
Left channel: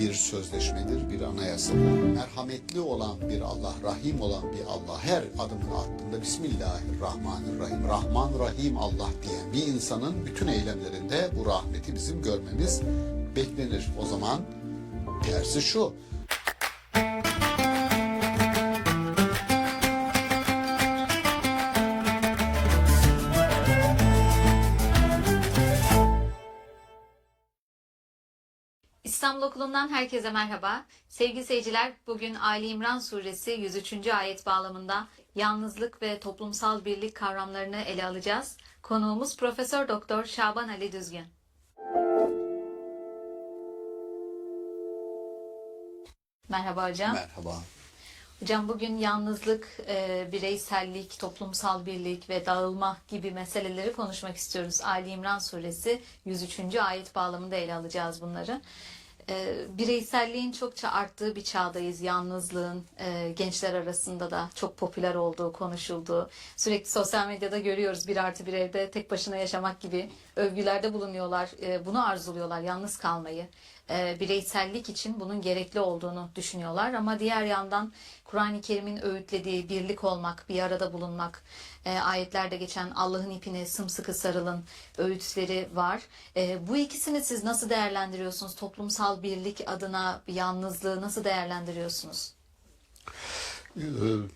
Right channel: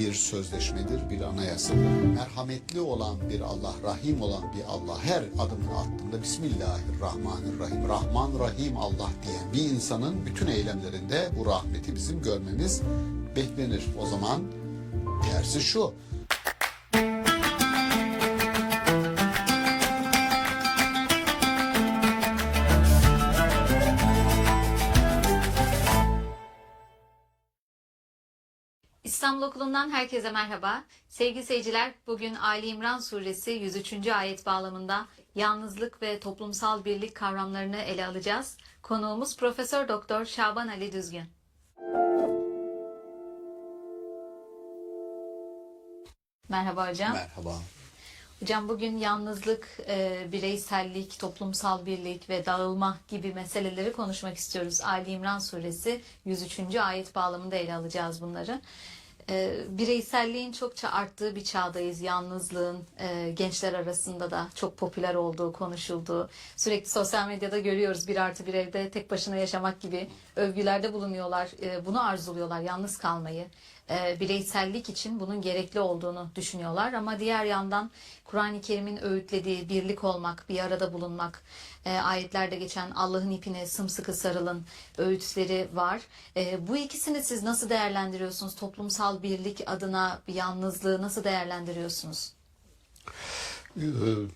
bir sözleşmedir, bir anayasadır. Merhametli olan bir Allah, rahim olan bir Allah her adımını attığında Bismillahirrahmanirrahim, Rahman Rahim Allah diyen bir insanın bütün eylemlerinde bu rahmeti bizim görmemiz beklenir. O zaman tersi şu: İstanbul Okulu'ndan herkese merhaba. Sevgili seyirciler, bugün Ali İmran Suresi 103. ayet bağlamında yalnızlık ve toplumsal birlik kavramlarını ele alacağız. Konuğumuz Profesör Doktor Şaban Ali Düzgün. Merhaba hocam. Merhaba. Hocam bugün yalnızlık, bireysellik, toplumsal birlik ve dağılma gibi meseleleri konuşmak istiyoruz. Ali İmran Suresi 103. ayet bağlamında ele alacağız bunları. Bireyselliğin çokça arttığı bir çağdayız. Yalnızlığın gençler arasında da çok popüler olduğu konuşulduğu. Sürekli sosyal medyada görüyoruz, 1+1 evde tek başına yaşamak gibi övgülerde bulunuyorlar. Bunu arzuluyorlar, yalnız kalmayı. Bireysellik için bunun gerekli olduğunu düşünüyorlar. Ama diğer yandan Kur'an-ı Kerim'in öğütlediği birlik olmak, bir arada bulunmak, ayetlerde geçen Allah'ın ipine sımsıkı sarılın öğütleri var. Bu ikisini siz nasıl değerlendiriyorsunuz? Toplumsal birlik adına yalnızlığı nasıl değerlendiriyorsunuz?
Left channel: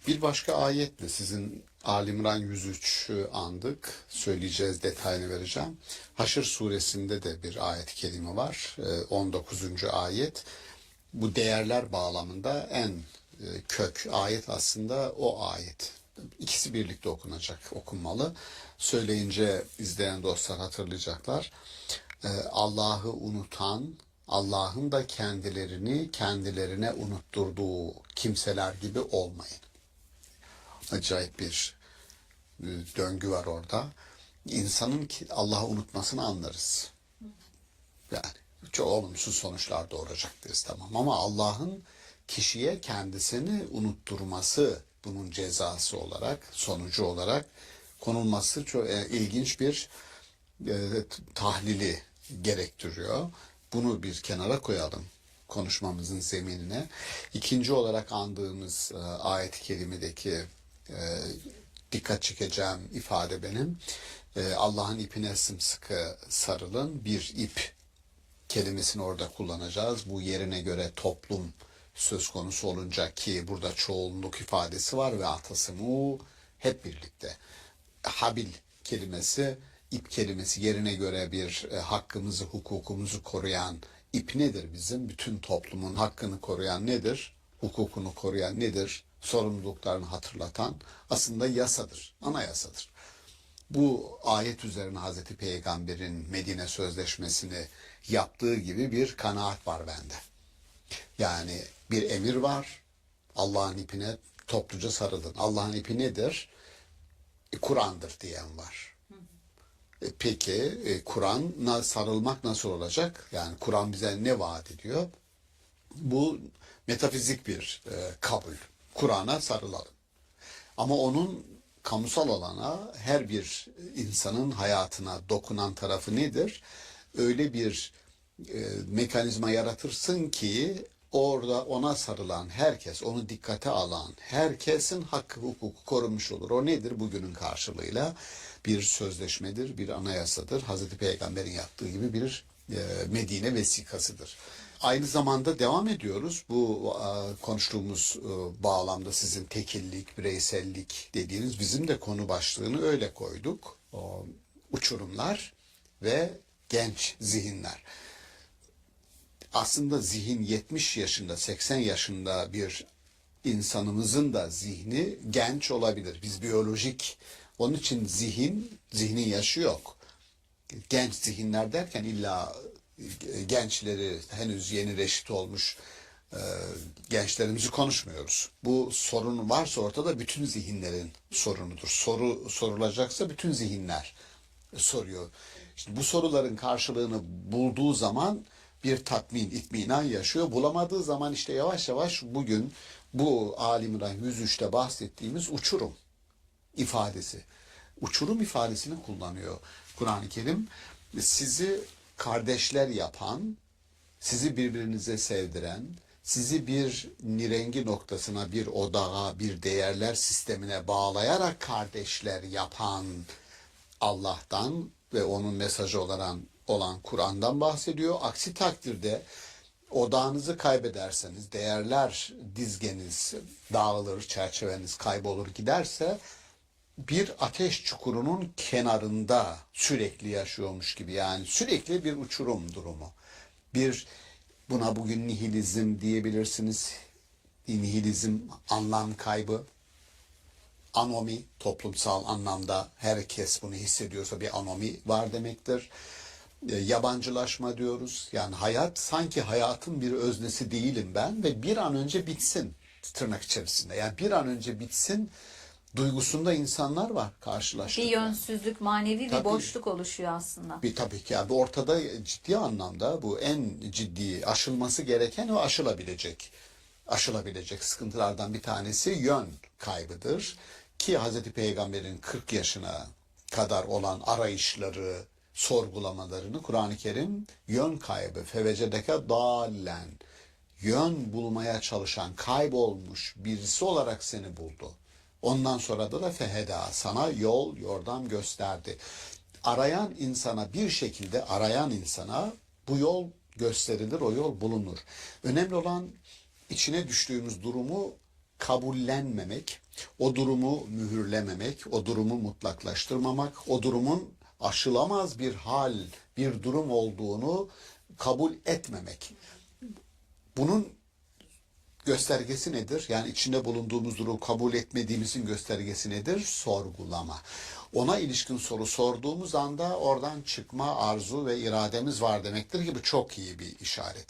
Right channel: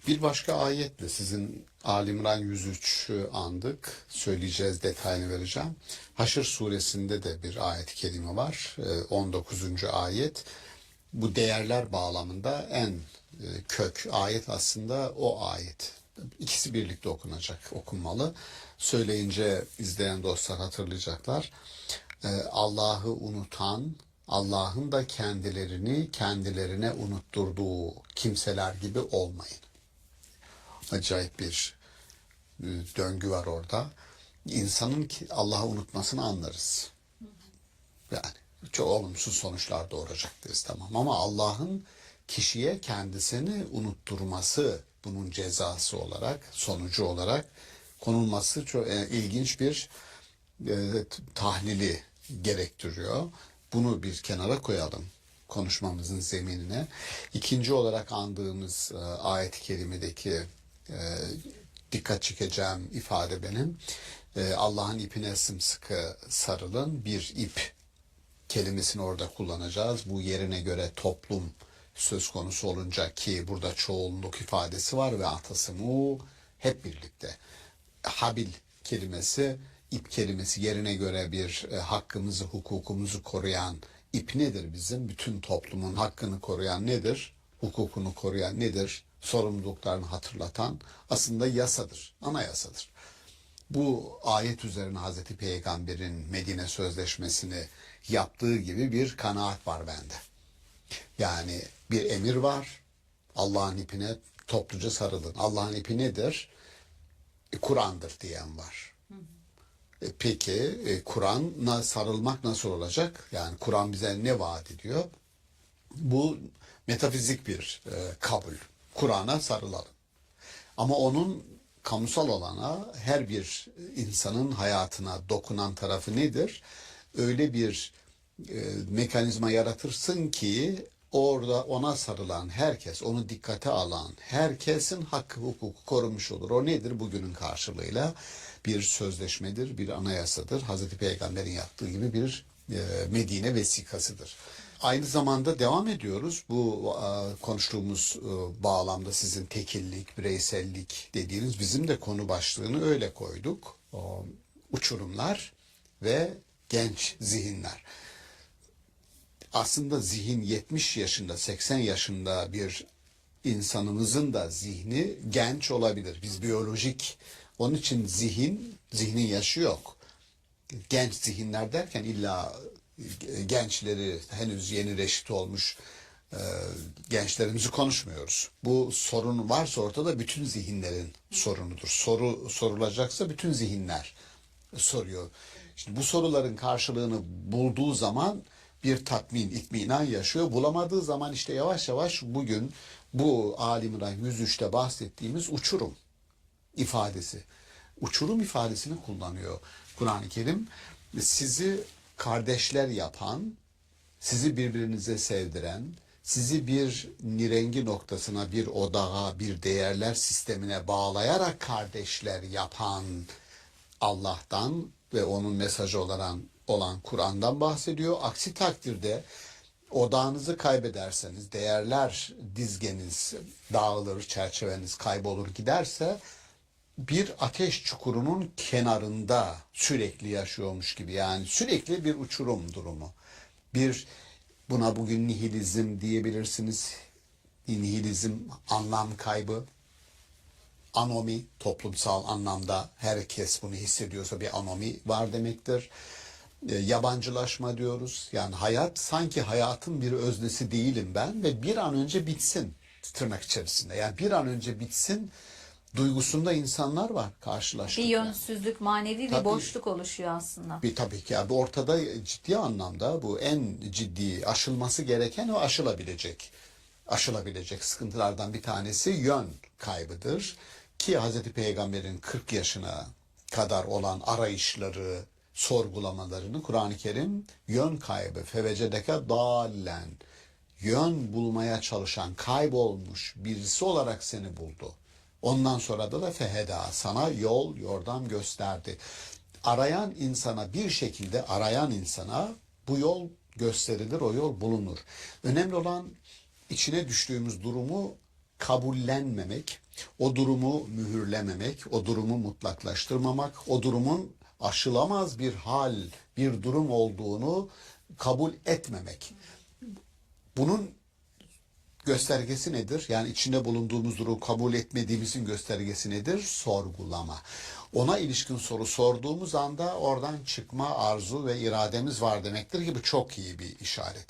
Bir başka ayetle sizin Ali İmran 103'ü andık. Söyleyeceğiz, detayını vereceğim. Haşr suresinde de bir ayet-i kerime var. 19. ayet. Bu değerler bağlamında en kök ayet aslında o ayet. İkisi birlikte okunacak, okunmalı. Söyleyince izleyen dostlar hatırlayacaklar. Allah'ı unutan, Allah'ın da kendilerini kendilerine unutturduğu kimseler gibi olmayın. Acayip bir döngü var orada. İnsanın Allah'ı unutmasını anlarız. Yani çok olumsuz sonuçlar doğuracak deriz, tamam. Ama Allah'ın kişiye kendisini unutturması, bunun cezası olarak, sonucu olarak konulması çok ilginç bir tahlili gerektiriyor. Bunu bir kenara koyalım konuşmamızın zeminine. İkinci olarak andığımız ayet-i kerimedeki dikkat çekeceğim ifade benim. Allah'ın ipine sımsıkı sarılın. Bir ip kelimesini orada kullanacağız. Bu yerine göre toplum söz konusu olunca, ki burada çoğunluk ifadesi var ve atasımı hep birlikte. Habil kelimesi, ip kelimesi yerine göre bir hakkımızı, hukukumuzu koruyan ip nedir bizim? Bütün toplumun hakkını koruyan nedir? Hukukunu koruyan nedir? Sorumluluklarını hatırlatan aslında yasadır, anayasadır. Bu ayet üzerine Hazreti Peygamber'in Medine Sözleşmesi'ni yaptığı gibi bir kanaat var bende. Yani bir emir var, Allah'ın ipine topluca sarılın. Allah'ın ipi nedir? Kur'an'dır diyen var. Peki Kur'an'a sarılmak nasıl olacak? Yani Kur'an bize ne vaat ediyor? Bu metafizik bir kabul. Kur'an'a sarılalım. Ama onun kamusal alana, her bir insanın hayatına dokunan tarafı nedir? Öyle bir mekanizma yaratırsın ki orada ona sarılan herkes, onu dikkate alan herkesin hakkı, hukuku korunmuş olur. O nedir? Bugünün karşılığıyla bir sözleşmedir, bir anayasadır. Hazreti Peygamber'in yaptığı gibi bir Medine vesikasıdır. Aynı zamanda devam ediyoruz. Bu konuştuğumuz bağlamda sizin tekillik, bireysellik dediğiniz, bizim de konu başlığını öyle koyduk. Uçurumlar ve genç zihinler. Aslında zihin 70 yaşında, 80 yaşında bir insanımızın da zihni genç olabilir. Biz biyolojik, onun için zihnin yaşı yok. Genç zihinler derken illa gençleri, henüz yeni reşit olmuş gençlerimizi konuşmuyoruz. Bu sorun varsa ortada bütün zihinlerin sorunudur. Soru sorulacaksa bütün zihinler soruyor. Şimdi bu soruların karşılığını bulduğu zaman bir tatmin, itminan yaşıyor. Bulamadığı zaman işte yavaş yavaş bugün bu Ali İmran 103'te bahsettiğimiz uçurum ifadesi. Uçurum ifadesini kullanıyor Kur'an-ı Kerim. Sizi kardeşler yapan, sizi birbirinize sevdiren, sizi bir nirengi noktasına, bir odağa, bir değerler sistemine bağlayarak kardeşler yapan Allah'tan ve onun mesajı olan Kur'an'dan bahsediyor. Aksi takdirde odağınızı kaybederseniz, değerler dizgeniz dağılır, çerçeveniz kaybolur giderse, bir ateş çukurunun kenarında sürekli yaşıyormuş gibi, yani sürekli bir uçurum durumu. Buna bugün nihilizm diyebilirsiniz. Nihilizm, anlam kaybı. Anomi, toplumsal anlamda herkes bunu hissediyorsa bir anomi var demektir. Yabancılaşma diyoruz. Yani hayat, sanki hayatın bir öznesi değilim ben ve bir an önce bitsin. tırnak içerisinde. Yani bir an önce bitsin duygusunda insanlar var karşılaştık. Bir yönsüzlük, manevi bir Tabii. boşluk oluşuyor aslında. Tabii ki yani ortada ciddi anlamda bu en ciddi aşılması gereken o aşılabilecek sıkıntılardan bir tanesi yön kaybıdır. Ki Hz. Peygamber'in 40 yaşına kadar olan arayışları, sorgulamalarını Kur'an-ı Kerim yön kaybı, fevecedeke dallen, yön bulmaya çalışan, kaybolmuş birisi olarak seni buldu. Ondan sonra da feheda, sana yol, yordam gösterdi. Arayan insana bir şekilde bu yol gösterilir, o yol bulunur. Önemli olan içine düştüğümüz durumu kabullenmemek, o durumu mühürlememek, o durumu mutlaklaştırmamak, o durumun aşılamaz bir durum olduğunu kabul etmemek. Bunun göstergesi nedir? Yani içinde bulunduğumuz durumu kabul etmediğimizin göstergesi nedir? Sorgulama. Ona ilişkin soru sorduğumuz anda oradan çıkma arzu ve irademiz var demektir ki bu çok iyi bir işaret.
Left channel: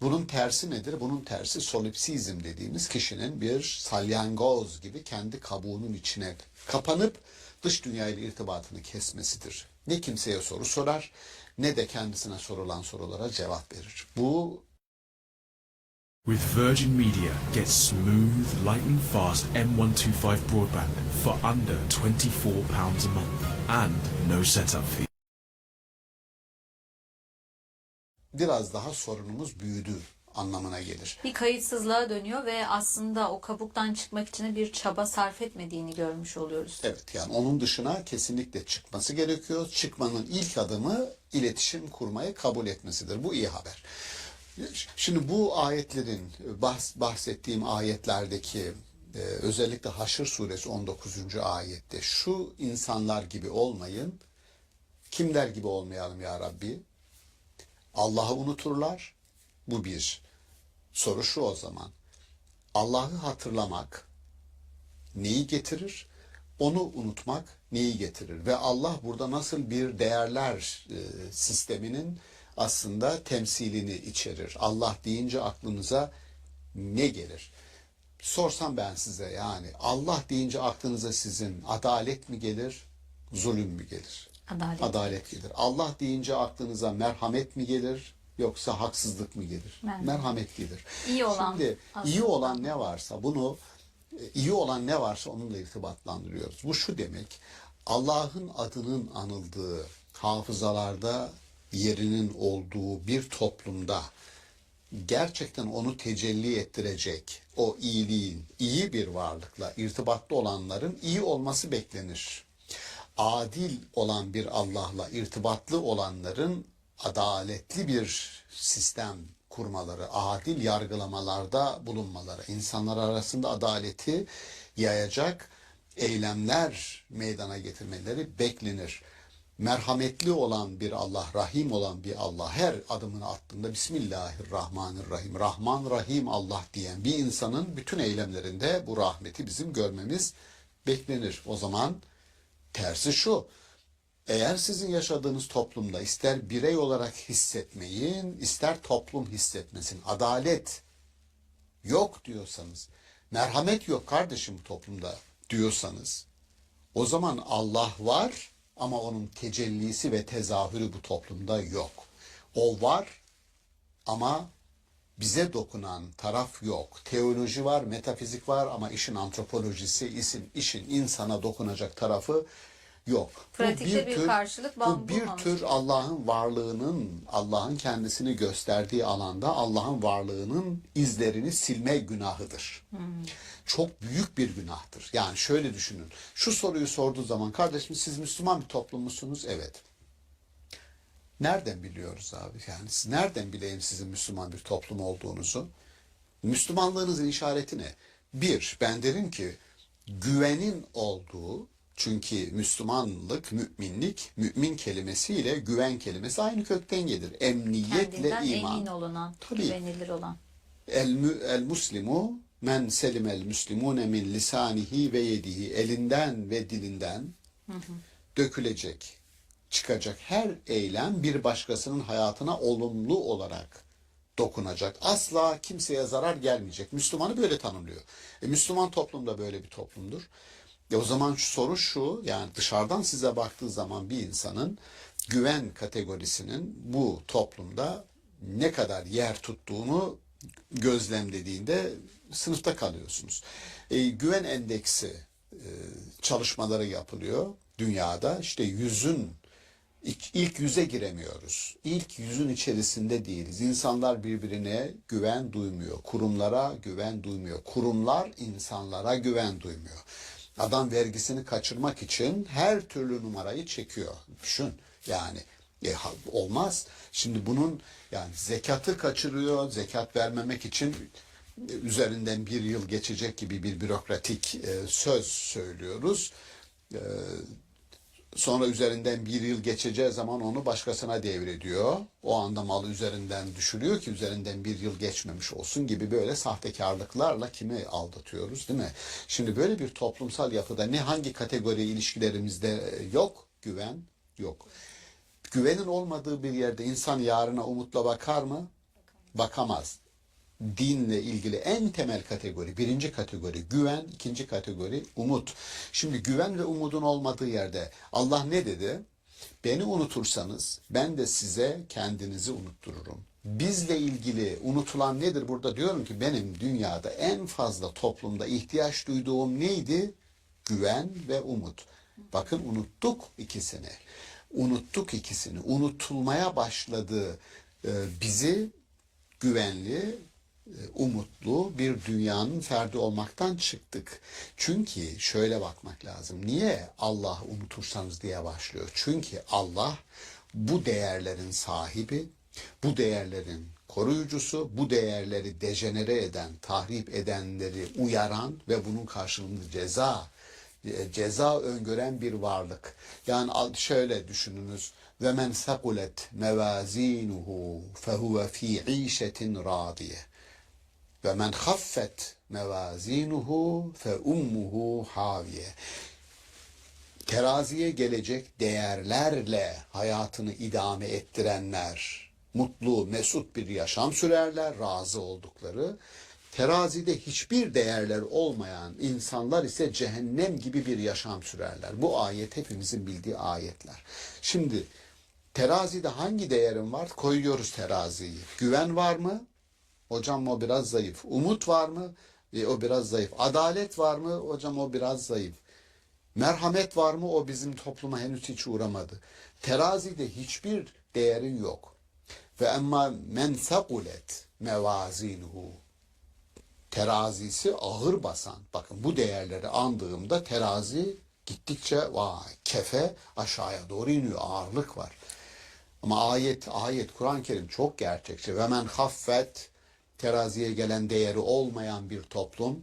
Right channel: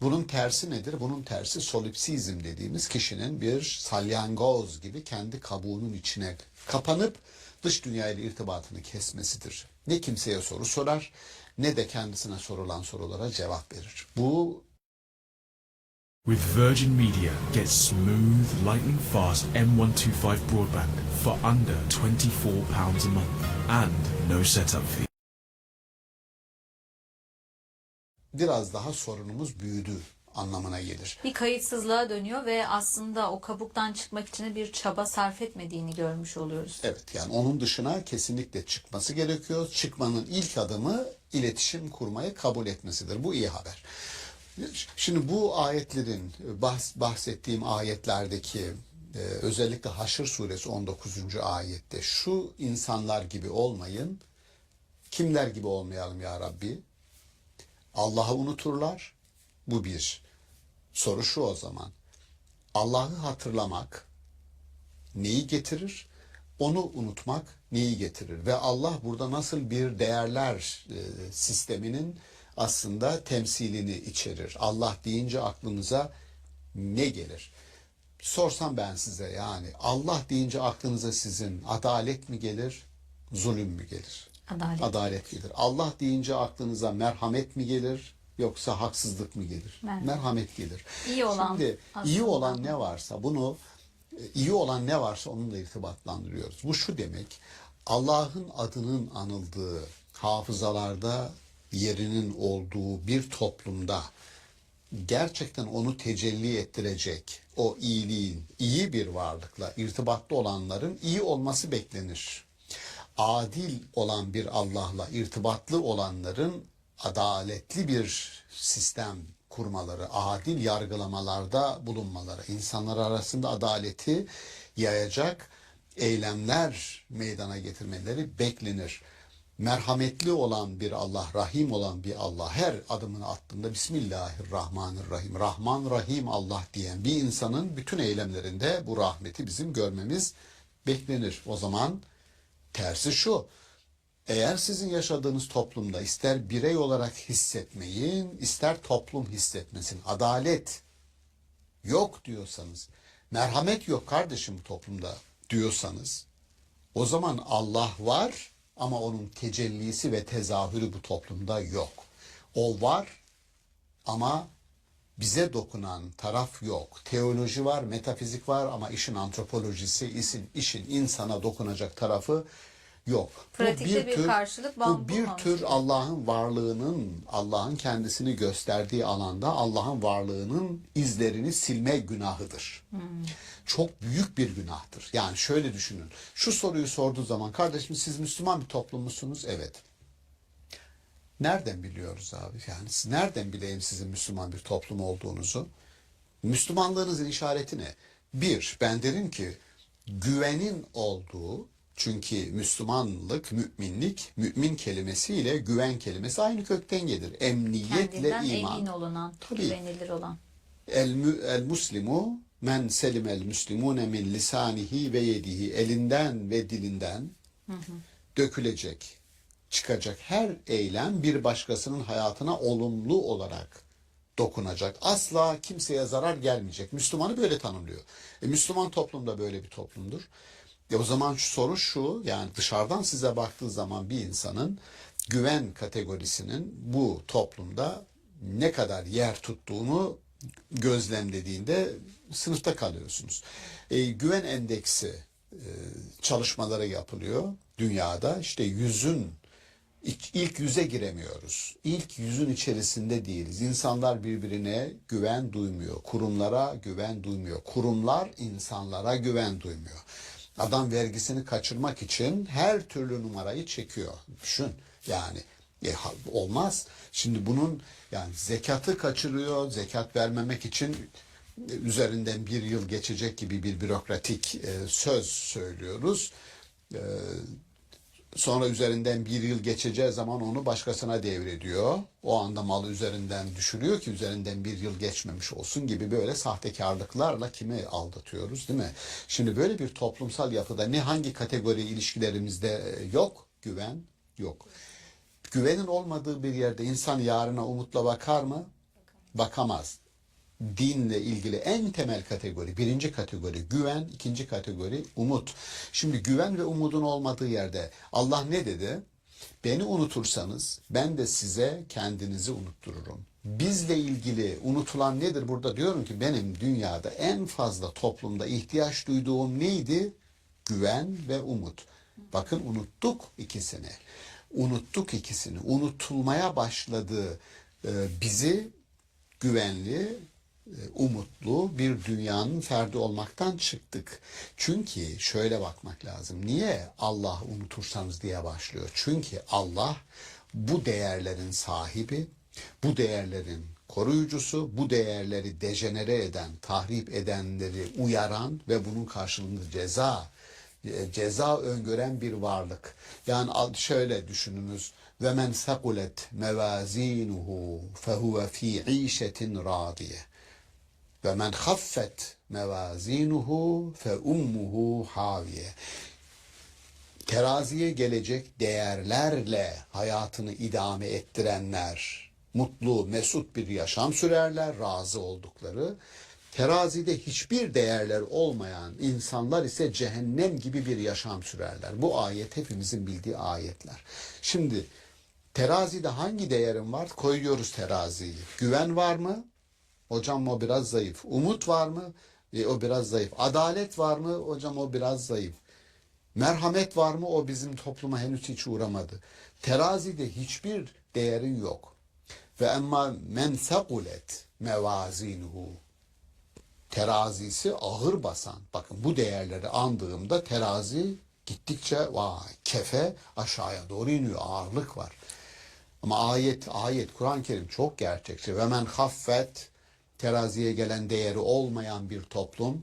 Bunun tersi nedir? Bunun tersi solipsizm dediğimiz kişinin bir salyangoz gibi kendi kabuğunun içine kapanıp dış dünyayla irtibatını kesmesidir. Ne kimseye soru sorar ne de kendisine sorulan sorulara cevap verir. Bu With Virgin Media, get smooth, lightning fast M125 broadband for under £24 a month and no setup fee. biraz daha sorunumuz büyüdü anlamına gelir. Bir kayıtsızlığa dönüyor ve aslında o kabuktan çıkmak için bir çaba sarf etmediğini görmüş oluyoruz. Evet, yani onun dışına kesinlikle çıkması gerekiyor. Çıkmanın ilk adımı iletişim kurmayı kabul etmesidir. Bu iyi haber. Şimdi bu ayetlerin, bahsettiğim ayetlerdeki özellikle Haşr suresi 19. ayette şu insanlar gibi olmayın. Kimler gibi olmayalım ya Rabbi? Allah'ı unuturlar. Bu bir. Soru şu o zaman. Allah'ı hatırlamak neyi getirir? Onu unutmak neyi getirir? Ve Allah burada nasıl bir değerler sisteminin aslında temsilini içerir? Allah deyince aklınıza ne gelir? Sorsam ben size, yani Allah deyince aklınıza sizin adalet mi gelir, zulüm mü gelir? Adalet gelir. Allah deyince aklınıza merhamet mi gelir yoksa haksızlık mı gelir? Merhamet gelir. İyi olan Şimdi iyi olan ne varsa iyi olan ne varsa onunla irtibatlandırıyoruz. Bu şu demek: Allah'ın adının anıldığı, hafızalarda yerinin olduğu bir toplumda gerçekten onu tecelli ettirecek o iyiliğin, iyi bir varlıkla irtibatlı olanların iyi olması beklenir. Adil olan bir Allah'la irtibatlı olanların adaletli bir sistem kurmaları, adil yargılamalarda bulunmaları, insanlar arasında adaleti yayacak eylemler meydana getirmeleri beklenir. Merhametli olan bir Allah, rahim olan bir Allah her adımını attığında Bismillahirrahmanirrahim, Rahman Rahim Allah diyen bir insanın bütün eylemlerinde bu rahmeti bizim görmemiz beklenir. O zaman tersi şu: eğer sizin yaşadığınız toplumda ister birey olarak hissetmeyin, ister toplum hissetmesin, adalet yok diyorsanız, merhamet yok kardeşim bu toplumda diyorsanız, o zaman Allah var ama onun tecellisi ve tezahürü bu toplumda yok. O var ama bize dokunan taraf yok. Teoloji var, metafizik var ama işin antropolojisi, işin insana dokunacak tarafı yok. Pratikte bir karşılık bu bir tür Allah'ın varlığının, Allah'ın kendisini gösterdiği alanda Allah'ın varlığının izlerini silme günahıdır. Çok büyük bir günahtır. Yani şöyle düşünün. Şu soruyu sorduğu zaman, kardeşim siz Müslüman bir toplum musunuz? Evet. Nereden biliyoruz abi? Yani nereden bileyim sizin Müslüman bir toplum olduğunuzu? Müslümanlığınızın işareti ne? Bir, ben derim ki güvenin olduğu, çünkü Müslümanlık, müminlik, mümin kelimesiyle güven kelimesi aynı kökten gelir. Emniyetle kendinden iman. emin olunan, Tabii. güvenilir olan. El muslimu men selimel muslimune min lisanihi ve yedihi, elinden ve dilinden dökülecek, çıkacak her eylem bir başkasının hayatına olumlu olarak dokunacak. Asla kimseye zarar gelmeyecek. Müslümanı böyle tanımlıyor. Müslüman toplum da böyle bir toplumdur. O zaman soru şu, yani dışarıdan size baktığı zaman bir insanın güven kategorisinin bu toplumda ne kadar yer tuttuğunu gözlemlediğinde sınıfta kalıyorsunuz. Güven endeksi çalışmaları yapılıyor dünyada. İşte ilk yüze giremiyoruz. İlk yüzün içerisinde değiliz. İnsanlar birbirine güven duymuyor. Kurumlara güven duymuyor. Kurumlar insanlara güven duymuyor. Adam vergisini kaçırmak için her türlü numarayı çekiyor. Düşün yani olmaz. Şimdi bunun yani zekatı kaçırıyor. Zekat vermemek için üzerinden bir yıl geçecek gibi bir bürokratik söz söylüyoruz. Sonra üzerinden bir yıl geçeceği zaman onu başkasına devrediyor. O anda malı üzerinden düşürüyor ki üzerinden bir yıl geçmemiş olsun gibi böyle sahtekarlıklarla kimi aldatıyoruz, değil mi? Şimdi böyle bir toplumsal yapıda hangi kategori ilişkilerimizde yok? Güven yok. Güvenin olmadığı bir yerde insan yarına umutla bakar mı? Bakamaz. Dinle ilgili en temel kategori, birinci kategori güven, ikinci kategori umut. Şimdi güven ve umudun olmadığı yerde Allah ne dedi? Beni unutursanız ben de size kendinizi unuttururum. Bizle ilgili unutulan nedir? Burada diyorum ki benim dünyada en fazla toplumda ihtiyaç duyduğum neydi? Güven ve umut. Bakın unuttuk ikisini. Unuttuk ikisini. Unutulmaya başladı. Bizi güvenli, umutlu bir dünyanın ferdi olmaktan çıktık. Çünkü şöyle bakmak lazım. Niye Allah unutursanız diye başlıyor? Çünkü Allah bu değerlerin sahibi, bu değerlerin koruyucusu, bu değerleri dejenere eden, tahrip edenleri uyaran ve bunun karşılığında ceza öngören bir varlık. Yani şöyle düşününüz. Ve men sakulet mevazinuhu fehuve fi işetin radiye. Ve men haffet mevazinuhu fe ummuhu haviye. Teraziye gelecek değerlerle hayatını idame ettirenler mutlu, mesut bir yaşam sürerler, razı oldukları. Terazide hiçbir değerler olmayan insanlar ise cehennem gibi bir yaşam sürerler. Bu ayet hepimizin bildiği ayetler. Şimdi terazide hangi değerim var? Koyuyoruz teraziyi. Güven var mı? Hocam o biraz zayıf. Umut var mı? O biraz zayıf. Adalet var mı? Hocam o biraz zayıf. Merhamet var mı? O bizim topluma henüz hiç uğramadı. Terazide hiçbir değerin yok. Ve emma men sakulet mevazinuhu. Terazisi ağır basan. Bakın bu değerleri andığımda terazi gittikçe kefe aşağıya doğru iniyor. Ağırlık var. Ama ayet Kur'an-ı Kerim çok gerçekçi. Ve men haffet, teraziye gelen değeri olmayan bir toplum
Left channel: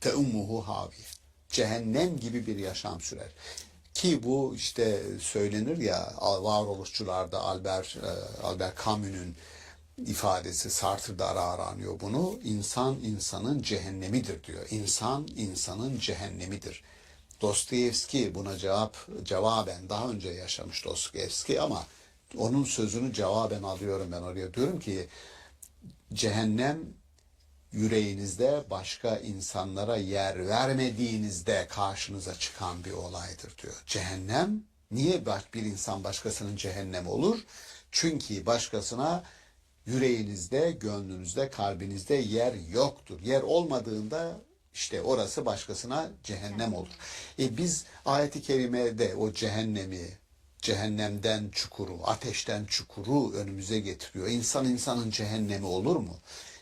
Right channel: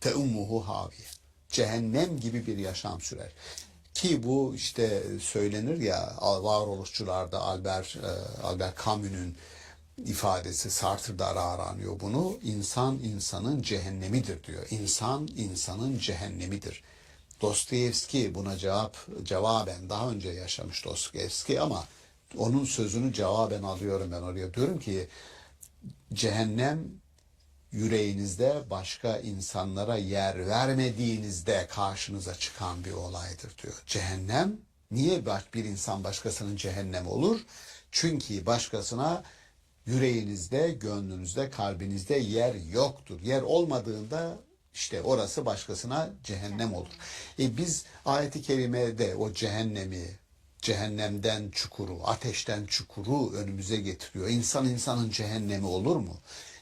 fe ummuhu haviye. Cehennem gibi bir yaşam sürer. Ki bu işte söylenir ya varoluşçularda Albert Camus'un ifadesi, Sartre'da ara aranıyor bunu. İnsan insanın cehennemidir diyor. İnsan insanın cehennemidir. Dostoyevski buna cevaben daha önce yaşamış Dostoyevski ama onun sözünü cevaben alıyorum ben oraya. Diyorum ki cehennem yüreğinizde başka insanlara yer vermediğinizde karşınıza çıkan bir olaydır diyor. Cehennem niye bir insan başkasının cehennem olur? Çünkü başkasına yüreğinizde, gönlünüzde, kalbinizde yer yoktur. Yer olmadığında işte orası başkasına cehennem olur. Biz ayet-i kerimede o cehennemden çukuru, ateşten çukuru önümüze getiriyor. İnsan insanın cehennemi olur mu?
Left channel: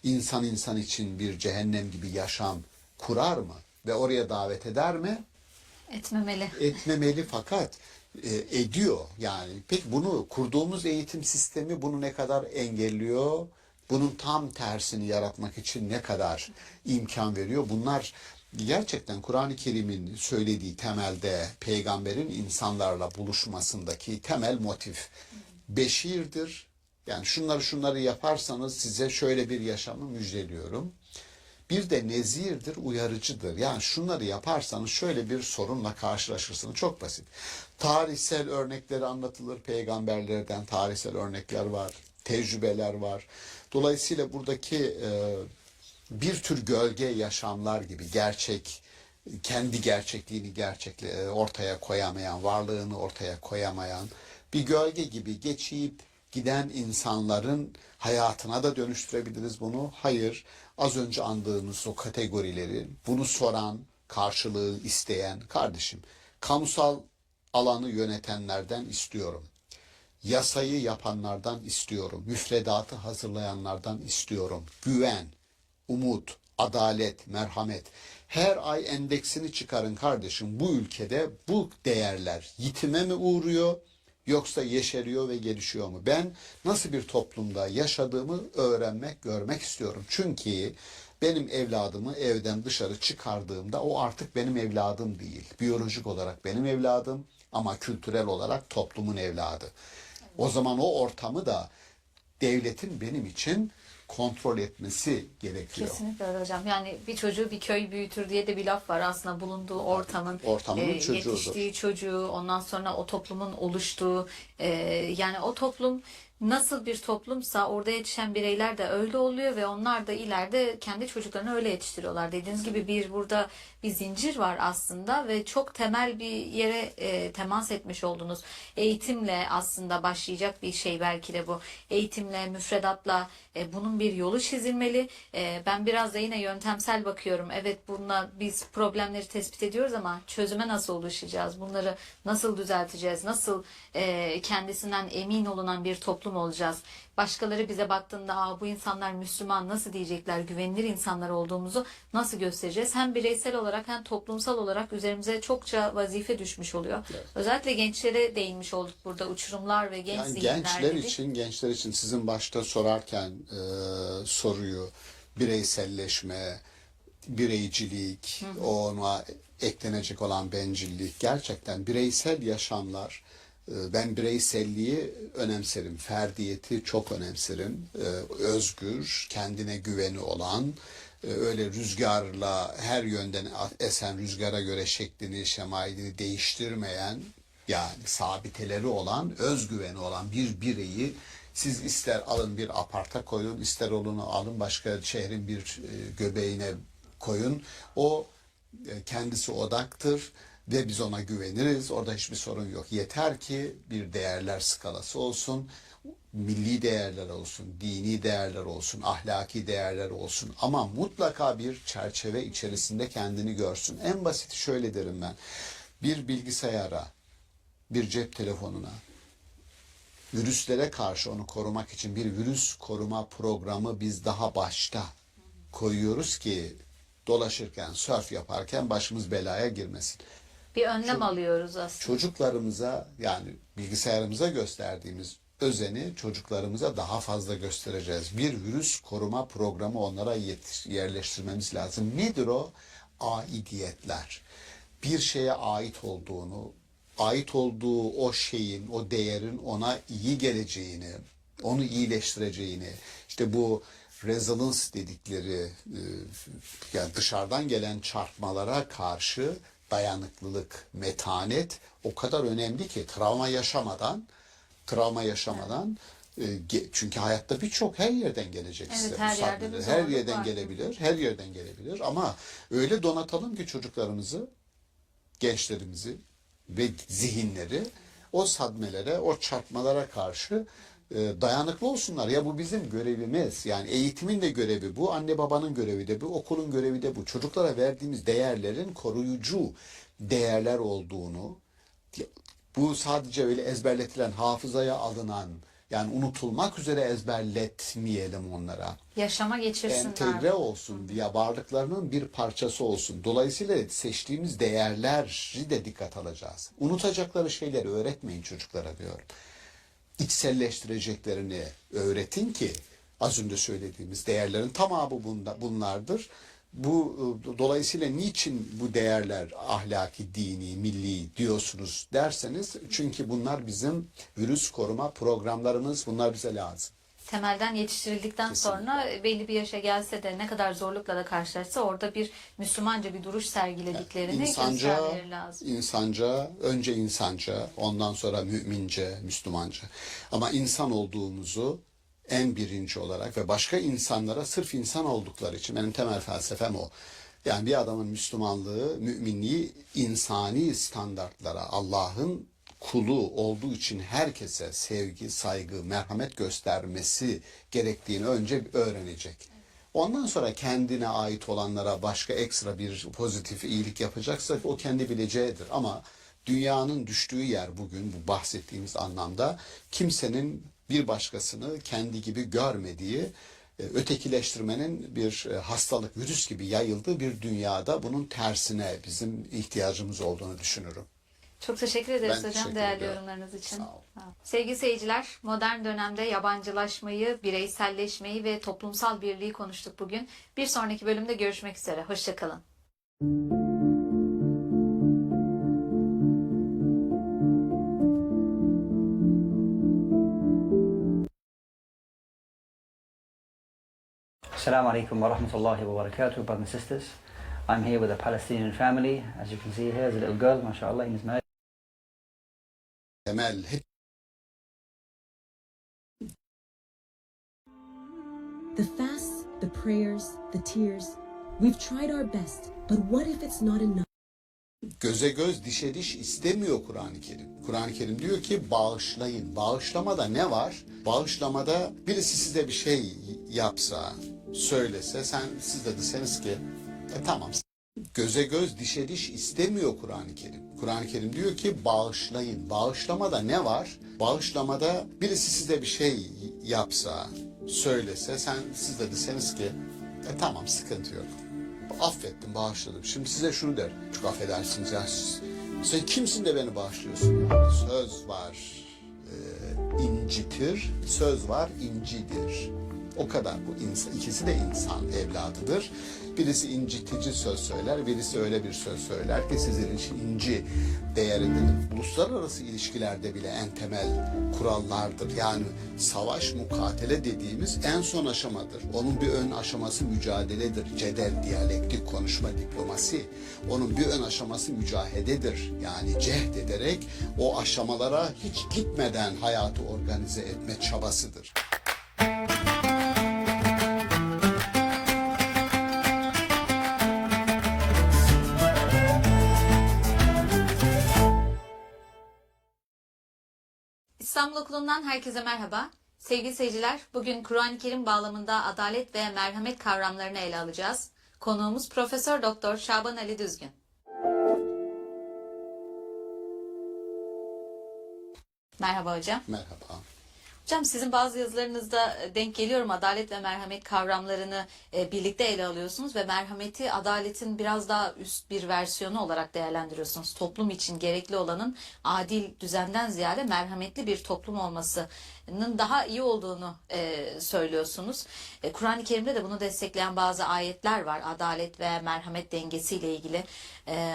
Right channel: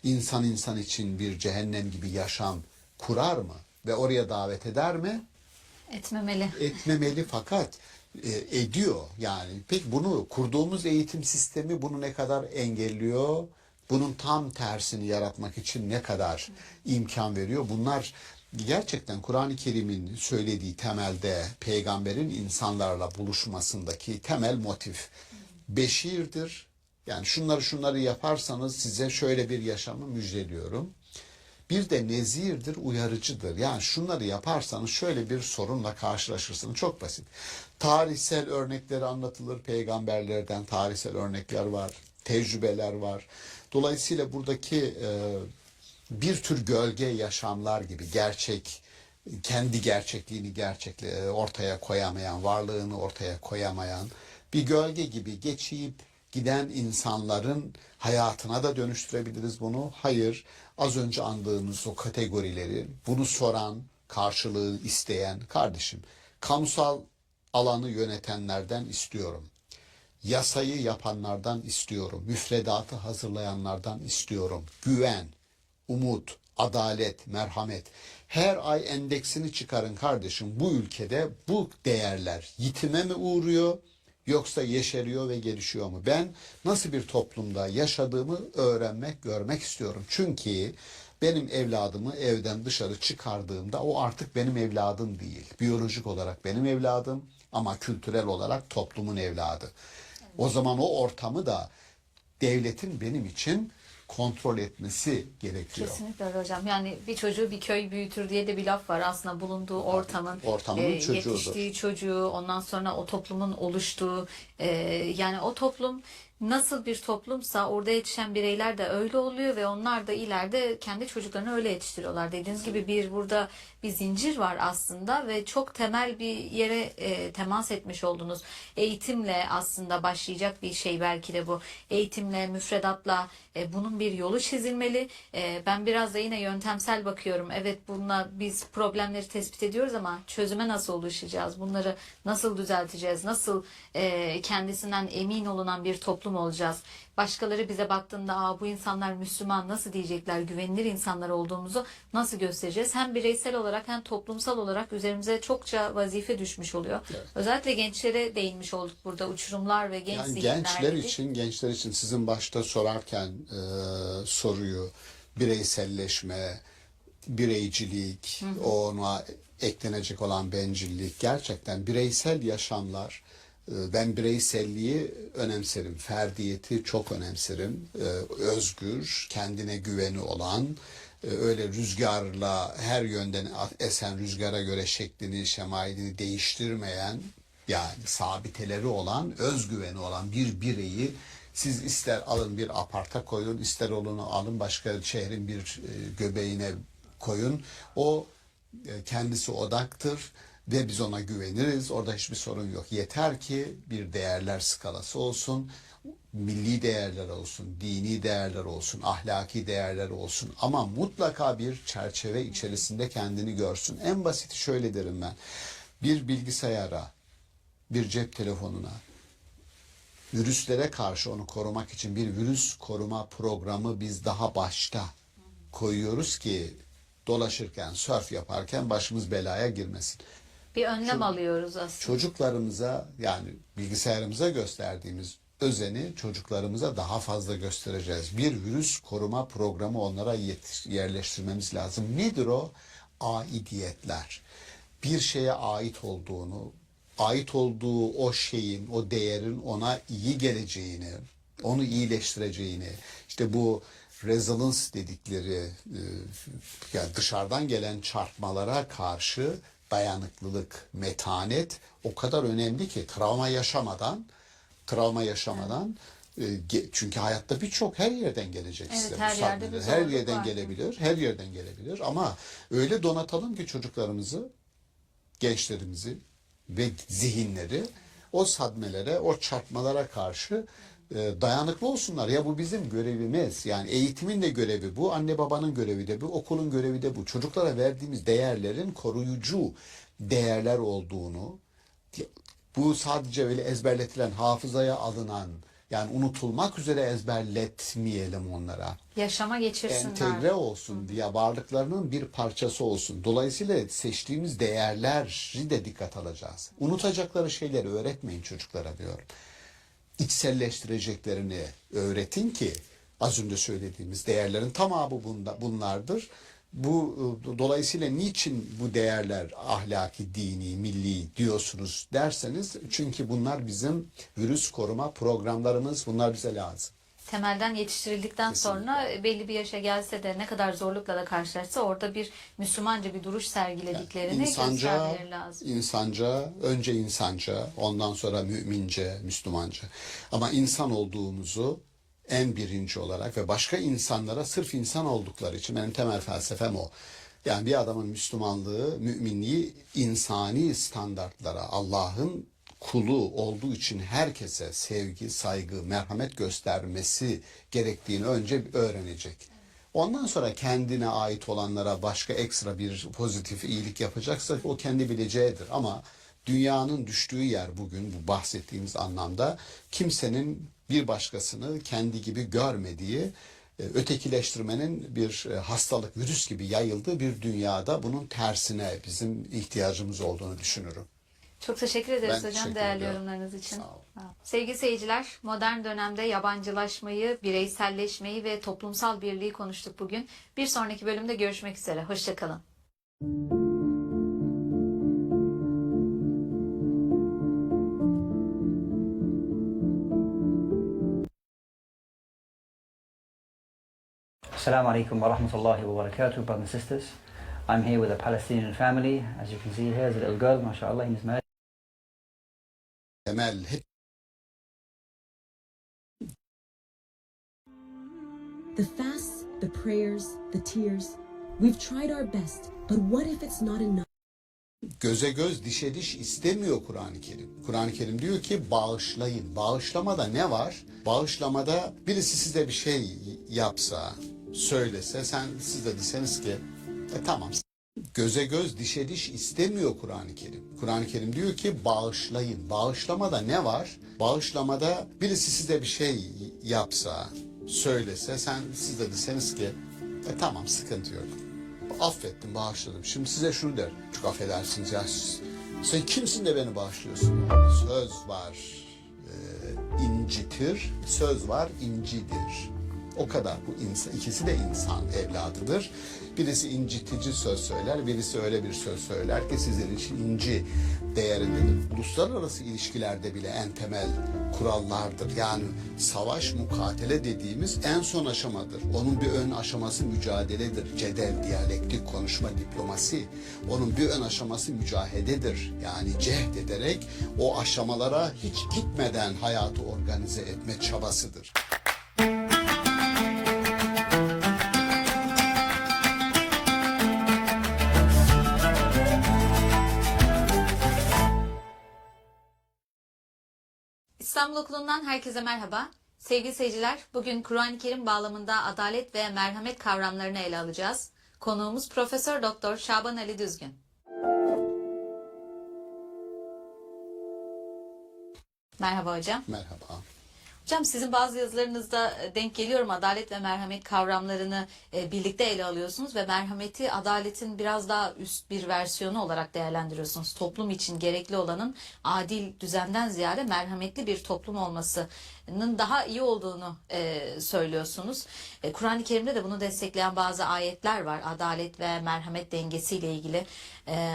İnsan insan için bir cehennem gibi yaşam kurar mı? Ve oraya davet eder mi? Etmemeli. Etmemeli fakat ediyor. Yani peki bunu kurduğumuz eğitim sistemi bunu ne kadar engelliyor? Bunun tam tersini yaratmak için ne kadar imkan veriyor? Bunlar gerçekten Kur'an-ı Kerim'in söylediği temelde peygamberin insanlarla buluşmasındaki temel motif beşirdir. Yani şunları yaparsanız size şöyle bir yaşamı müjdeliyorum. Bir de nezirdir, uyarıcıdır. Yani şunları yaparsanız şöyle bir sorunla karşılaşırsınız. Çok basit. Tarihsel örnekleri anlatılır. Peygamberlerden tarihsel örnekler var. Tecrübeler var. Dolayısıyla buradaki bir tür gölge yaşamlar gibi kendi gerçekliğini ortaya koyamayan, varlığını ortaya koyamayan bir gölge gibi geçip giden insanların hayatına da dönüştürebiliriz bunu. Hayır, az önce andığımız o kategorileri, bunu soran, karşılığı isteyen kardeşim, kamusal alanı yönetenlerden istiyorum. Yasayı yapanlardan istiyorum. Müfredatı hazırlayanlardan istiyorum. Güven, umut, adalet, merhamet. Her ay endeksini çıkarın kardeşim. Bu ülkede bu değerler yitime mi uğruyor yoksa yeşeriyor ve gelişiyor mu? Ben nasıl bir toplumda yaşadığımı öğrenmek, görmek istiyorum. Çünkü benim evladımı evden dışarı çıkardığımda o artık benim evladım değil. Biyolojik olarak benim evladım ama kültürel olarak toplumun evladı. O zaman o ortamı da devletin benim için kontrol etmesi gerekiyor. Kesinlikle öyle hocam. Yani bir çocuğu bir köy büyütür diye de bir laf var. Aslında bulunduğu ortamın çocuğudur. yetiştiği çocuğu, ondan sonra o toplumun oluştuğu, yani o toplum nasıl bir toplumsa orada yetişen bireyler de öyle oluyor ve onlar da ileride kendi çocuklarını öyle yetiştiriyorlar. Dediğiniz gibi burada bir zincir var aslında ve çok temel bir yere temas etmiş oldunuz. Eğitimle aslında başlayacak bir şey belki de bu. Eğitimle, müfredatla bunun bir yolu çizilmeli. Ben biraz da yine yöntemsel bakıyorum. Evet, bununla biz problemleri tespit ediyoruz ama çözüme nasıl ulaşacağız? Bunları nasıl düzelteceğiz? Nasıl kendisinden emin olunan bir toplum olacağız? Başkaları bize baktığında bu insanlar Müslüman nasıl diyecekler, güvenilir insanlar olduğumuzu nasıl göstereceğiz? Hem bireysel olarak hem toplumsal olarak üzerimize çokça vazife düşmüş oluyor. Evet. Özellikle gençlere değinmiş olduk burada, uçurumlar ve genç yani zihinler dedik. gençler için sizin başta sorarken soruyu bireyselleşme, bireycilik, ona eklenecek olan bencillik, gerçekten bireysel yaşamlar. Ben bireyselliği önemserim, ferdiyeti çok önemserim. Özgür, kendine güveni olan, öyle rüzgarla her yönden esen rüzgara göre şeklini, şemailini değiştirmeyen, yani sabiteleri olan, özgüveni olan bir bireyi siz ister alın bir aparta koyun, ister onu alın başka şehrin bir göbeğine koyun. O kendisi odaktır. Ve biz ona güveniriz. Orada hiçbir sorun yok. Yeter ki bir değerler skalası olsun. Milli değerler olsun, dini değerler olsun, ahlaki değerler olsun. Ama mutlaka bir çerçeve içerisinde kendini görsün. En basiti şöyle derim ben. Bir bilgisayara, bir cep telefonuna, virüslere karşı onu korumak için bir virüs koruma programı biz daha başta koyuyoruz ki dolaşırken, surf yaparken başımız belaya girmesin. Bir önlem alıyoruz aslında. Çocuklarımıza, yani bilgisayarımıza gösterdiğimiz özeni çocuklarımıza daha fazla göstereceğiz. Bir virüs koruma programı onlara yerleştirmemiz lazım. Nedir o? Aidiyetler. Bir şeye ait olduğu o şeyin, o değerin ona iyi geleceğini, onu iyileştireceğini, işte bu resilience dedikleri yani dışarıdan gelen çarpmalara karşı dayanıklılık, metanet o kadar önemli ki travma yaşamadan çünkü hayatta birçok her yerden gelecek size. Her yerden gelebilir, her yerden gelebilir ama öyle donatalım ki çocuklarımızı, gençlerimizi ve zihinleri o sadmelere, o çarpmalara karşı dayanıklı olsunlar. Ya bu bizim görevimiz. Yani eğitimin de görevi bu, anne babanın görevi de bu, okulun görevi de bu. Çocuklara verdiğimiz değerlerin koruyucu değerler olduğunu, bu sadece öyle ezberletilen, hafızaya alınan, yani unutulmak üzere ezberletmeyelim onlara. Yaşama geçirsinler. Entegre olsun diye varlıklarının bir parçası olsun. Dolayısıyla seçtiğimiz değerleri de dikkat alacağız. Unutacakları şeyleri öğretmeyin çocuklara diyorum. İçselleştireceklerini öğretin ki az önce söylediğimiz değerlerin tamamı bunlardır. Dolayısıyla niçin bu değerler ahlaki, dini, milli diyorsunuz derseniz çünkü bunlar bizim virüs koruma programlarımız, bunlar bize lazım. Temelden yetiştirildikten sonra belli bir yaşa gelse de ne kadar zorlukla da karşılaşsa orada bir Müslümanca bir duruş sergilediklerini göstermeleri lazım. Önce insanca, ondan sonra mümince, Müslümanca. Ama insan olduğumuzu en birinci olarak ve başka insanlara sırf insan oldukları için benim temel felsefem o. Yani bir adamın Müslümanlığı, müminliği insani standartlara, Allah'ın kulu olduğu için herkese sevgi, saygı, merhamet göstermesi gerektiğini önce öğrenecek. Ondan sonra kendine ait olanlara başka ekstra bir pozitif iyilik yapacaksa o kendi bileceğidir. Ama dünyanın düştüğü yer bugün bu bahsettiğimiz anlamda kimsenin bir başkasını kendi gibi görmediği, ötekileştirmenin bir hastalık, virüs gibi yayıldığı bir dünyada bunun tersine bizim ihtiyacımız olduğunu düşünürüm. Çok teşekkür ederiz Ben hocam teşekkür değerli ediyorum. yorumlarınız için. Sağ olun. Sağ olun. Sevgili seyirciler, modern dönemde yabancılaşmayı, bireyselleşmeyi ve toplumsal birliği konuştuk bugün. Bir sonraki bölümde görüşmek üzere. Hoşçakalın. Assalamu alaikum wa rahmatullahi wa barakatuh, brothers and sisters. I'm here with a Palestinian family. As you can see here, there's a little girl, mashallah, he's married. Temel hep The fasts, the prayers, the tears. We've tried our best, but what if it's not enough? göze göz dişe diş istemiyor Kur'an-ı Kerim. Kur'an-ı Kerim diyor ki bağışlayın. Bağışlamada ne var? Bağışlamada birisi size bir şey yapsa, söylese, siz de deseniz ki tamam. Göze göz dişe diş istemiyor Kur'an-ı Kerim. Kur'an-ı Kerim diyor ki bağışlayın. Bağışlamada ne var? Bağışlamada birisi size bir şey yapsa, söylese, siz de deseniz ki tamam, sıkıntı yok. Affettim, bağışladım. Şimdi size şunu der. Çok affedersiniz ya. Sen kimsin de beni bağışlıyorsun? Söz var incitir, söz var incidir. O kadar. Bu insan, ikisi de insan evladıdır. Birisi incitici söz söyler, birisi öyle bir söz söyler ki sizin için inci değerindedir. Uluslararası ilişkilerde bile en temel kurallardır. Yani savaş, mukatele dediğimiz en son aşamadır. Onun bir ön aşaması mücadeledir. Cedel, diyalektik, konuşma, diplomasi. Onun bir ön aşaması mücahededir. Yani cehd ederek o aşamalara hiç gitmeden hayatı organize etme çabasıdır. İstanbul Okulu'ndan herkese merhaba. Sevgili seyirciler, bugün Kur'an-ı Kerim bağlamında adalet ve merhamet kavramlarını ele alacağız. Konuğumuz Profesör Doktor Şaban Ali Düzgün. Merhaba hocam. Merhaba. Hocam sizin bazı yazılarınızda denk geliyorum, adalet ve merhamet kavramlarını birlikte ele alıyorsunuz ve merhameti adaletin biraz daha üst bir versiyonu olarak değerlendiriyorsunuz. Toplum için gerekli olanın adil düzenden ziyade merhametli bir toplum olmasının daha iyi olduğunu söylüyorsunuz. Kur'an-ı Kerim'de de bunu destekleyen bazı ayetler var. Adalet ve merhamet dengesiyle ilgili.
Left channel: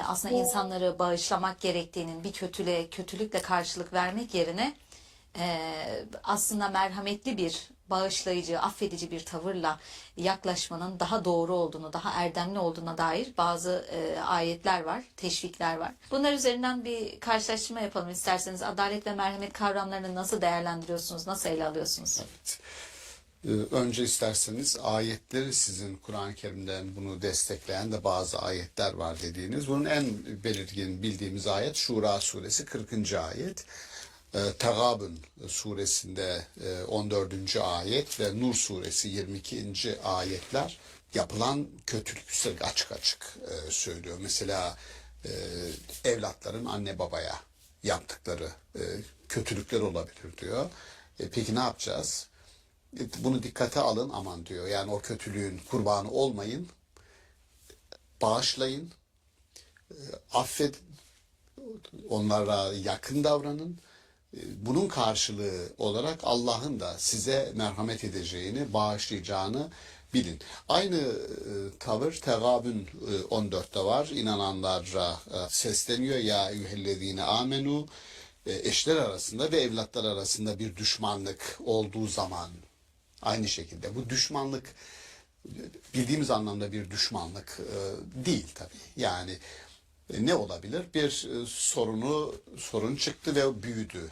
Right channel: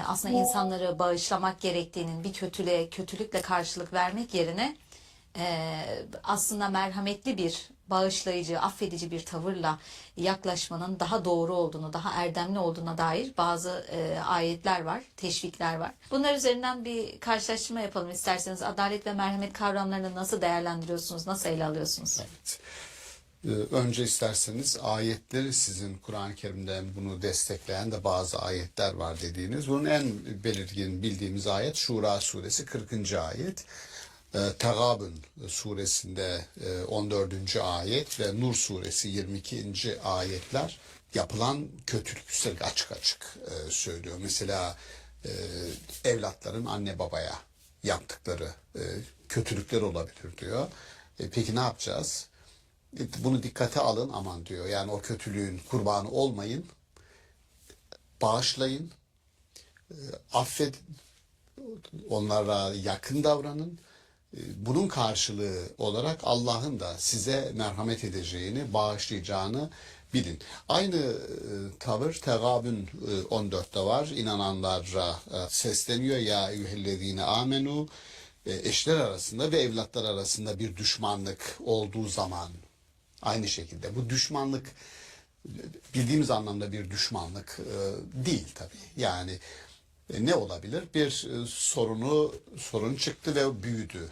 Aslında insanları bağışlamak gerektiğinin, bir kötülükle karşılık vermek yerine aslında merhametli bir, bağışlayıcı, affedici bir tavırla yaklaşmanın daha doğru olduğunu, daha erdemli olduğuna dair bazı ayetler var, teşvikler var. Bunlar üzerinden bir karşılaştırma yapalım isterseniz. Adalet ve merhamet kavramlarını nasıl değerlendiriyorsunuz, nasıl ele alıyorsunuz? Evet. Önce isterseniz ayetleri, sizin Kur'an-ı Kerim'den bunu destekleyen de bazı ayetler var dediğiniz. Bunun en belirgin bildiğimiz ayet Şura suresi 40. ayet. Tegabun suresinde 14. ayet ve Nur suresi 22. ayetler yapılan kötülük üstelik açık açık söylüyor. Mesela evlatların anne babaya yaptıkları kötülükler olabilir diyor. Peki ne yapacağız? Bunu dikkate alın, aman diyor. Yani o kötülüğün kurbanı olmayın. Bağışlayın. Affedin. Onlara yakın davranın. Bunun karşılığı olarak Allah'ın da size merhamet edeceğini, bağışlayacağını bilin. Aynı tavır Tegabun 14'te var. İnananlara sesleniyor. Ya eyyühellezine amenu, eşler arasında ve evlatlar arasında bir düşmanlık olduğu zaman aynı şekilde. Bu düşmanlık bildiğimiz anlamda bir düşmanlık değil tabii. Yani Ne olabilir? Bir sorun çıktı ve büyüdü.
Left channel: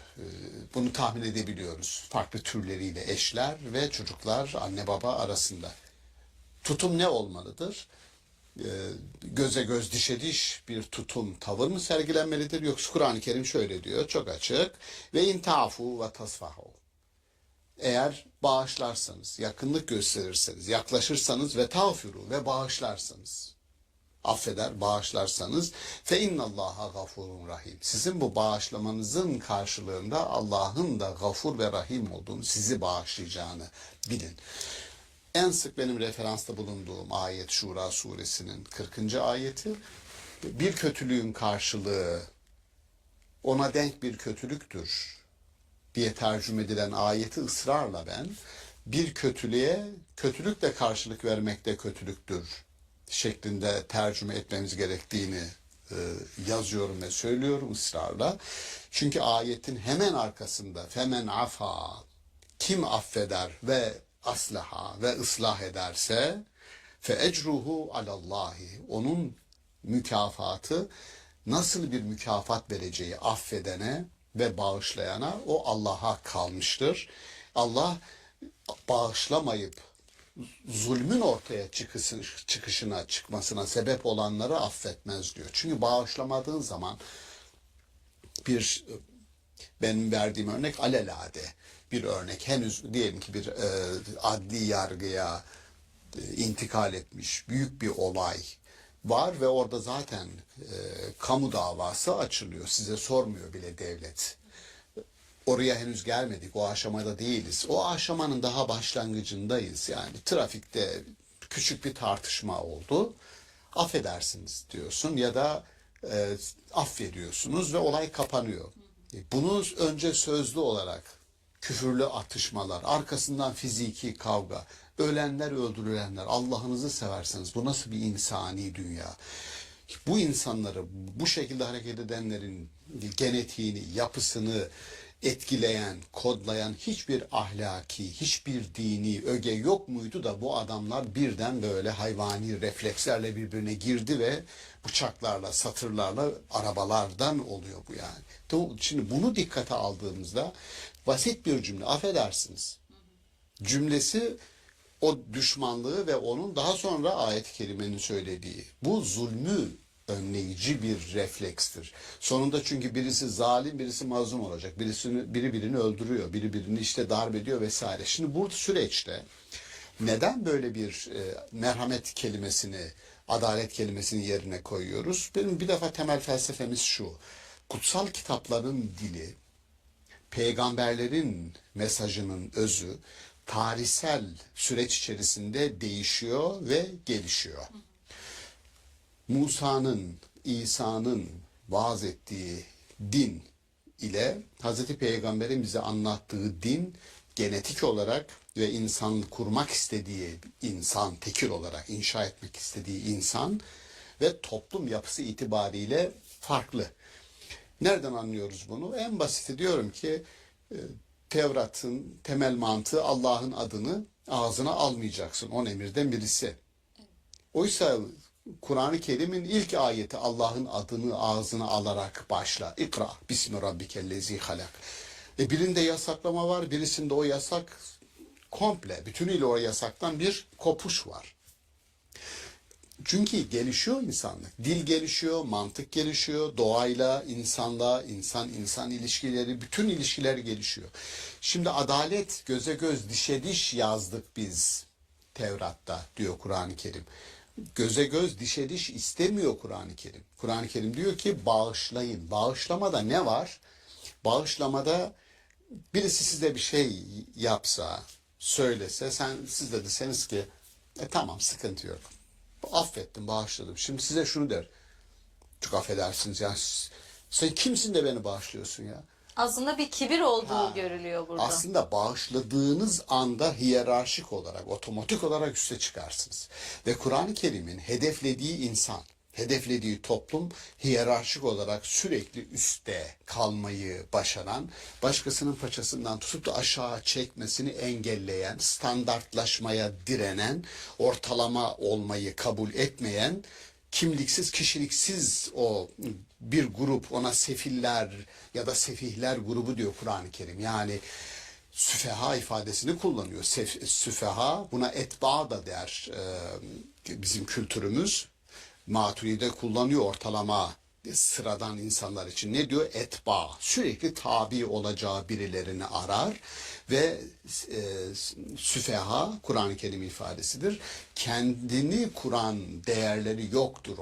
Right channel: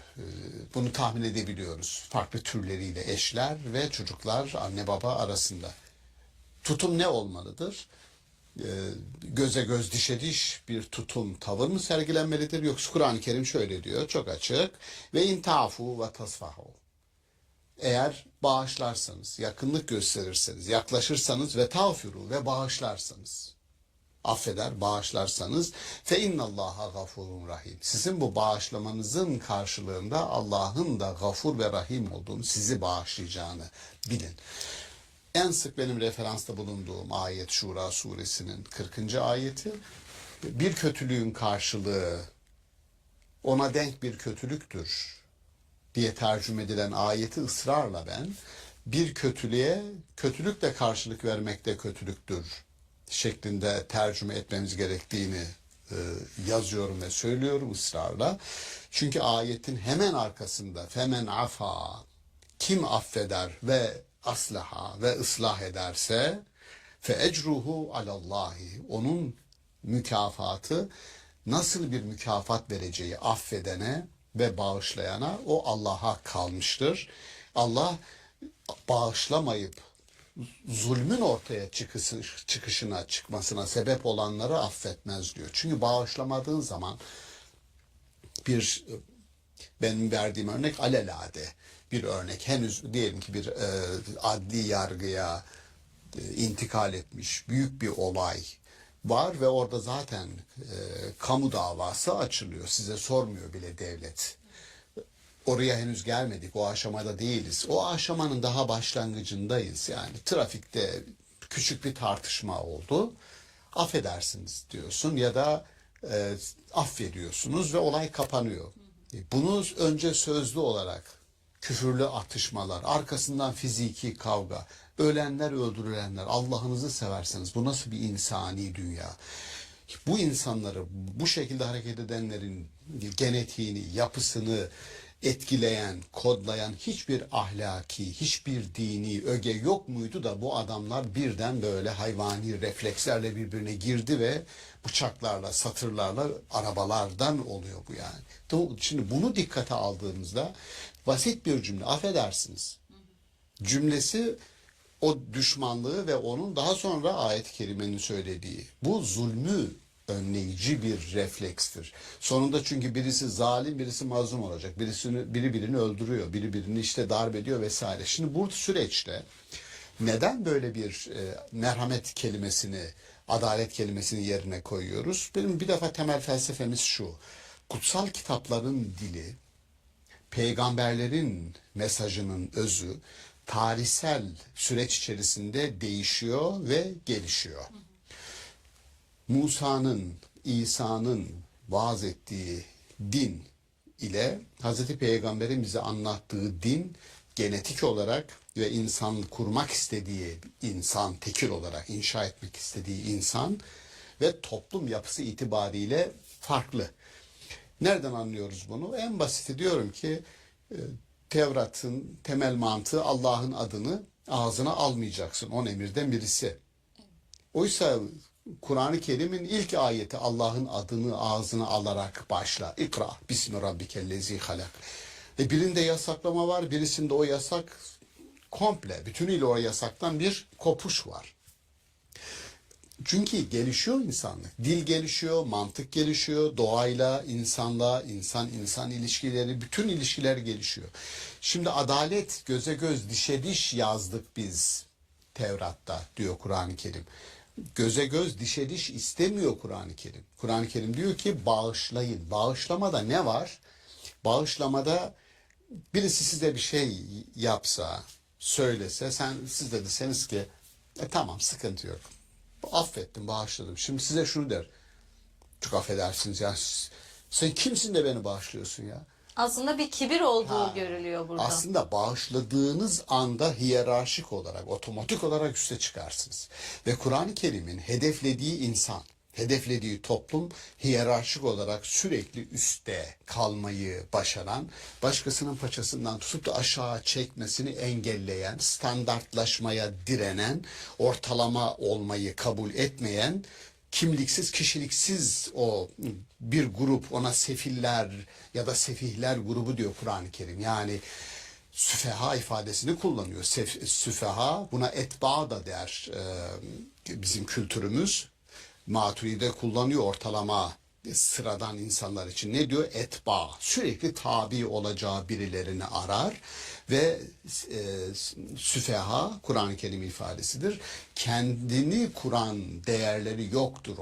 Bunu tahmin edebiliyoruz. Farklı türleriyle eşler ve çocuklar anne baba arasında. Tutum ne olmalıdır? Göze göz dişe diş bir tutum tavır mı sergilenmelidir? Yoksa Kur'an-ı Kerim şöyle diyor çok açık. Ve intafu ve tasfahu. Eğer bağışlarsanız, yakınlık gösterirseniz, yaklaşırsanız ve tağfiru ve bağışlarsanız, affeder, bağışlarsanız fe innallaha gafurun rahim. Sizin bu bağışlamanızın karşılığında Allah'ın da gafur ve rahim olduğunu, sizi bağışlayacağını bilin. En sık benim referansta bulunduğum ayet Şura suresinin 40. ayeti. Bir kötülüğün karşılığı ona denk bir kötülüktür diye tercüme edilen ayeti ısrarla ben bir kötülüğe kötülükle karşılık vermek de kötülüktür şeklinde tercüme etmemiz gerektiğini yazıyorum ve söylüyorum ısrarla. Çünkü ayetin hemen arkasında femen afa, kim affeder ve aslaha ve ıslah ederse fe ecruhu alallahi, onun mükafatı, nasıl bir mükafat vereceği affedene ve bağışlayana o Allah'a kalmıştır. Allah bağışlamayıp zulmün ortaya çıkmasına sebep olanları affetmez diyor. Çünkü bağışlamadığın zaman benim verdiğim örnek alelade bir örnek. Henüz diyelim ki bir adli yargıya intikal etmiş büyük bir olay var ve orada zaten kamu davası açılıyor. Size sormuyor bile devlet. Oraya henüz gelmedik. O aşamada değiliz. O aşamanın daha başlangıcındayız. Yani trafikte küçük bir tartışma oldu. Affedersiniz diyorsun ya da affediyorsunuz ve olay kapanıyor. Bunu önce sözlü olarak küfürlü atışmalar, arkasından fiziki kavga, ölenler öldürülenler, Allah'ınızı severseniz bu nasıl bir insani dünya? Bu insanları, bu şekilde hareket edenlerin genetiğini, yapısını etkileyen, kodlayan hiçbir ahlaki, hiçbir dini öge yok muydu da bu adamlar birden böyle hayvani reflekslerle birbirine girdi ve bıçaklarla, satırlarla arabalardan oluyor bu yani. Şimdi bunu dikkate aldığımızda basit bir cümle, affedersiniz cümlesi o düşmanlığı ve onun daha sonra ayet-i kerimenin söylediği bu zulmü önleyici bir reflekstir. Sonunda çünkü birisi zalim, birisi mazlum olacak. Biri birini öldürüyor, biri birini işte darp ediyor vesaire. Şimdi bu süreçte neden böyle bir merhamet kelimesini, adalet kelimesini yerine koyuyoruz? Benim bir defa temel felsefemiz şu. Kutsal kitapların dili, peygamberlerin mesajının özü tarihsel süreç içerisinde değişiyor ve gelişiyor. Musa'nın, İsa'nın vaaz ettiği din ile Hazreti Peygamber'in bize anlattığı din genetik olarak ve insan kurmak istediği insan, tekil olarak inşa etmek istediği insan ve toplum yapısı itibariyle farklı. Nereden anlıyoruz bunu? En basiti diyorum ki Tevrat'ın temel mantığı Allah'ın adını ağzına almayacaksın. 10 emirden birisi. Oysa Kur'an-ı Kerim'in ilk ayeti Allah'ın adını ağzına alarak başla. İkra bismi rabbikellezi halak. Birinde yasaklama var, birisinde o yasak komple, bütünüyle o yasaktan bir kopuş var. Çünkü gelişiyor insanlık. Dil gelişiyor, mantık gelişiyor, doğayla, insanla, insan ilişkileri, bütün ilişkiler gelişiyor. Şimdi adalet, göze göz, dişe diş yazdık biz Tevrat'ta diyor Kur'an-ı Kerim. Göze göz, dişe diş istemiyor Kur'an-ı Kerim. Kur'an-ı Kerim diyor ki bağışlayın. Bağışlamada ne var? Bağışlamada birisi size bir şey yapsa, söylese, siz de deseniz ki tamam sıkıntı yok. Affettim, bağışladım. Şimdi size şunu der. Çok affedersiniz ya. Sen kimsin de beni bağışlıyorsun ya? Aslında bir kibir olduğu görülüyor burada. Aslında bağışladığınız anda hiyerarşik olarak, otomatik olarak üste çıkarsınız. Ve Kur'an-ı Kerim'in hedeflediği insan, hedeflediği toplum hiyerarşik olarak sürekli üstte kalmayı başaran, başkasının paçasından tutup da aşağı çekmesini engelleyen, standartlaşmaya direnen, ortalama olmayı kabul etmeyen kimliksiz, kişiliksiz o bir grup, ona sefiller ya da sefihler grubu diyor Kur'an-ı Kerim. Yani süfeha ifadesini kullanıyor. Süfeha, buna etba da der bizim kültürümüz. Maturide kullanıyor ortalama sıradan insanlar için. Ne diyor? Etba. Sürekli tabi olacağı birilerini arar ve süfeha Kur'an-ı Kerim ifadesidir. Kendini kuran değerleri yoktur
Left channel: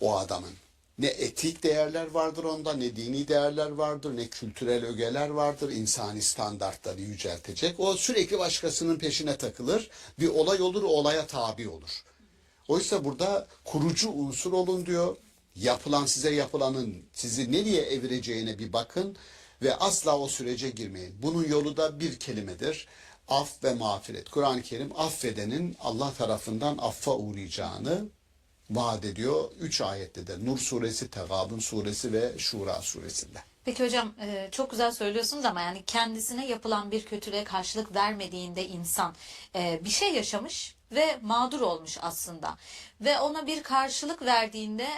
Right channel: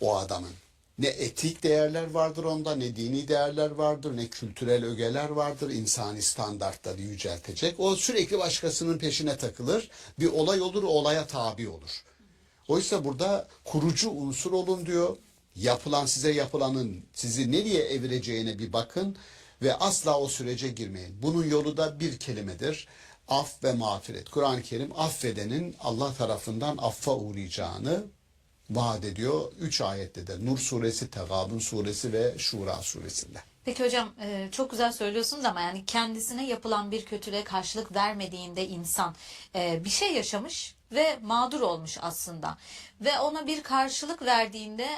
o adamın. Ne etik değerler vardır onda, ne dini değerler vardır, ne kültürel ögeler vardır, insani standartları yüceltecek. O sürekli başkasının peşine takılır. Bir olay olur, o olaya tabi olur. Oysa burada kurucu unsur olun diyor. Size yapılanın sizi nereye evireceğine bir bakın ve asla o sürece girmeyin. Bunun yolu da bir kelimedir. Af ve mağfiret. Kur'an-ı Kerim affedenin Allah tarafından affa uğrayacağını vaat ediyor. 3 ayette de Nur suresi, Tegabun suresi ve Şura suresinde. Peki hocam çok güzel söylüyorsunuz ama yani kendisine yapılan bir kötülüğe karşılık vermediğinde insan bir şey yaşamış ve mağdur olmuş aslında. Ve ona bir karşılık verdiğinde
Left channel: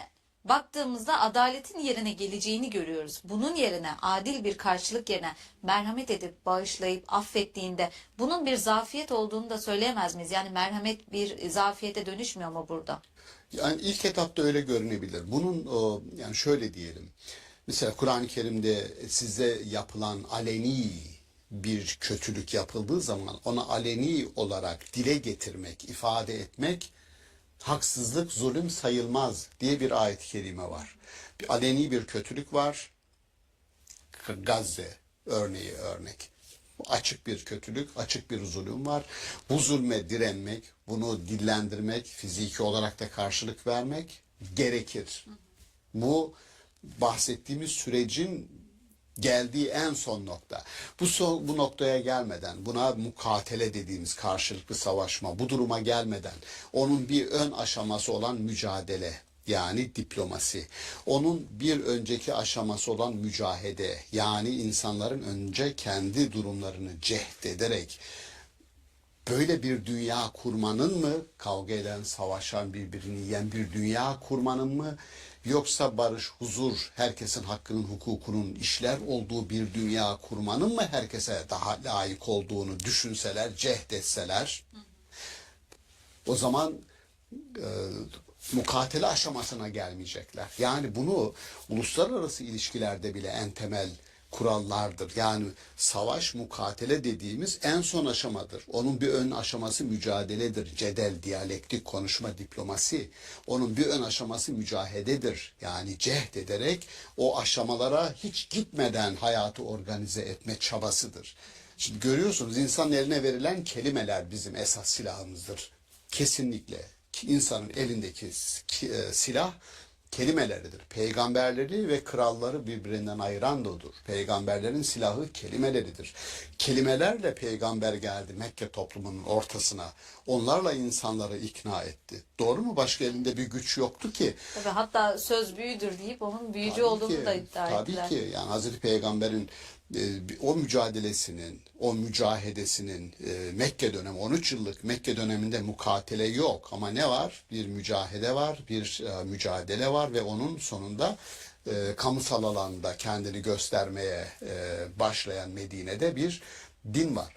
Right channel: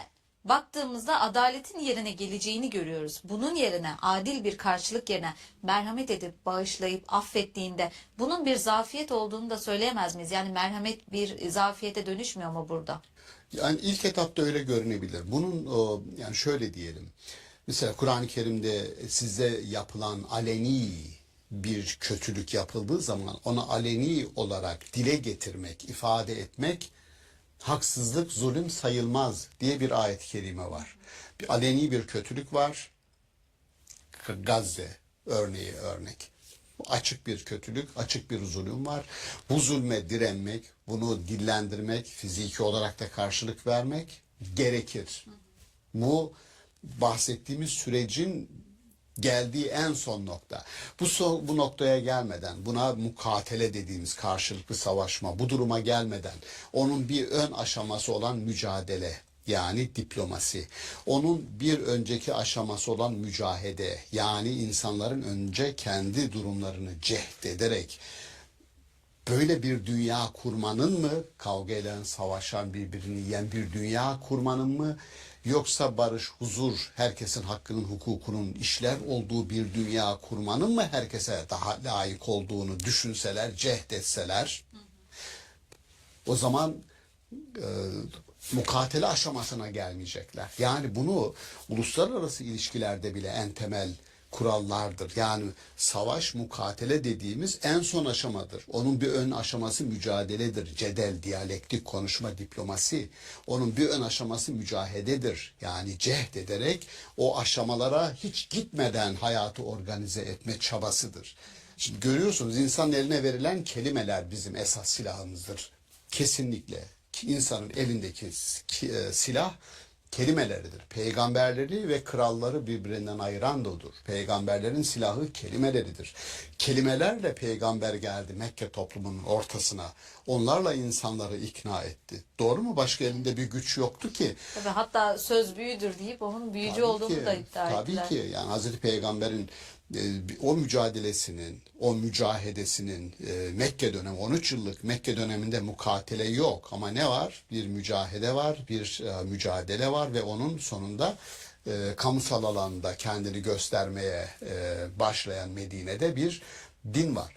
baktığımızda adaletin yerine geleceğini görüyoruz. Bunun yerine adil bir karşılık yerine merhamet edip bağışlayıp affettiğinde bunun bir zafiyet olduğunu da söyleyemez miyiz? Yani merhamet bir zafiyete dönüşmüyor mu burada? Yani ilk etapta öyle görünebilir. Bunun yani şöyle diyelim. Mesela Kur'an-ı Kerim'de size yapılan aleni bir kötülük yapıldığı zaman ona aleni olarak dile getirmek, ifade etmek haksızlık, zulüm sayılmaz diye bir ayet-i kerime var. Bir aleni bir kötülük var. Gazze örnek. Açık bir kötülük, açık bir zulüm var. Bu zulme direnmek, bunu dillendirmek, fiziki olarak da karşılık vermek gerekir. Bu bahsettiğimiz sürecin geldiği en son nokta. Bu noktaya gelmeden, buna mukatele dediğimiz karşılıklı savaşma, bu duruma gelmeden onun bir ön aşaması olan mücadele, yani diplomasi, onun bir önceki aşaması olan mücahede, yani insanların önce kendi durumlarını cehd ederek böyle bir dünya kurmanın mı, kavga eden, savaşan, birbirini yiyen bir dünya kurmanın mı, yoksa barış, huzur, herkesin hakkının, hukukunun işler olduğu bir dünya kurmanın mı herkese daha layık olduğunu düşünseler, cehd etseler, o zaman mukatele aşamasına gelmeyecekler. Yani bunu uluslararası ilişkilerde bile en temel kurallardır. Yani savaş, mukatele dediğimiz en son aşamadır. Onun bir ön aşaması mücadeledir. Cedel, diyalektik, konuşma, diplomasi. Onun bir ön aşaması mücahededir. Yani cehd ederek o aşamalara hiç gitmeden hayatı organize etme çabasıdır. Şimdi görüyorsunuz, insanın eline verilen kelimeler bizim esas silahımızdır. Kesinlikle. İnsanın elindeki silah kelimeleridir. Peygamberleri ve kralları birbirinden ayıran da odur. Peygamberlerin silahı kelimeleridir. Kelimelerle peygamber geldi Mekke toplumunun ortasına. Onlarla insanları ikna etti. Doğru mu? Başka elinde bir güç yoktu ki. Tabii, hatta söz büyüdür deyip onun büyücü Tabii olduğunu ki, da iddia ettiler. Tabii ki. Yani Hazreti Peygamber'in o mücadelesinin, o mücahedesinin Mekke dönemi, 13 yıllık Mekke döneminde mukatele yok. Ama ne var? Bir mücahede var, bir mücadele var ve onun sonunda kamusal alanda kendini göstermeye başlayan Medine'de bir din var.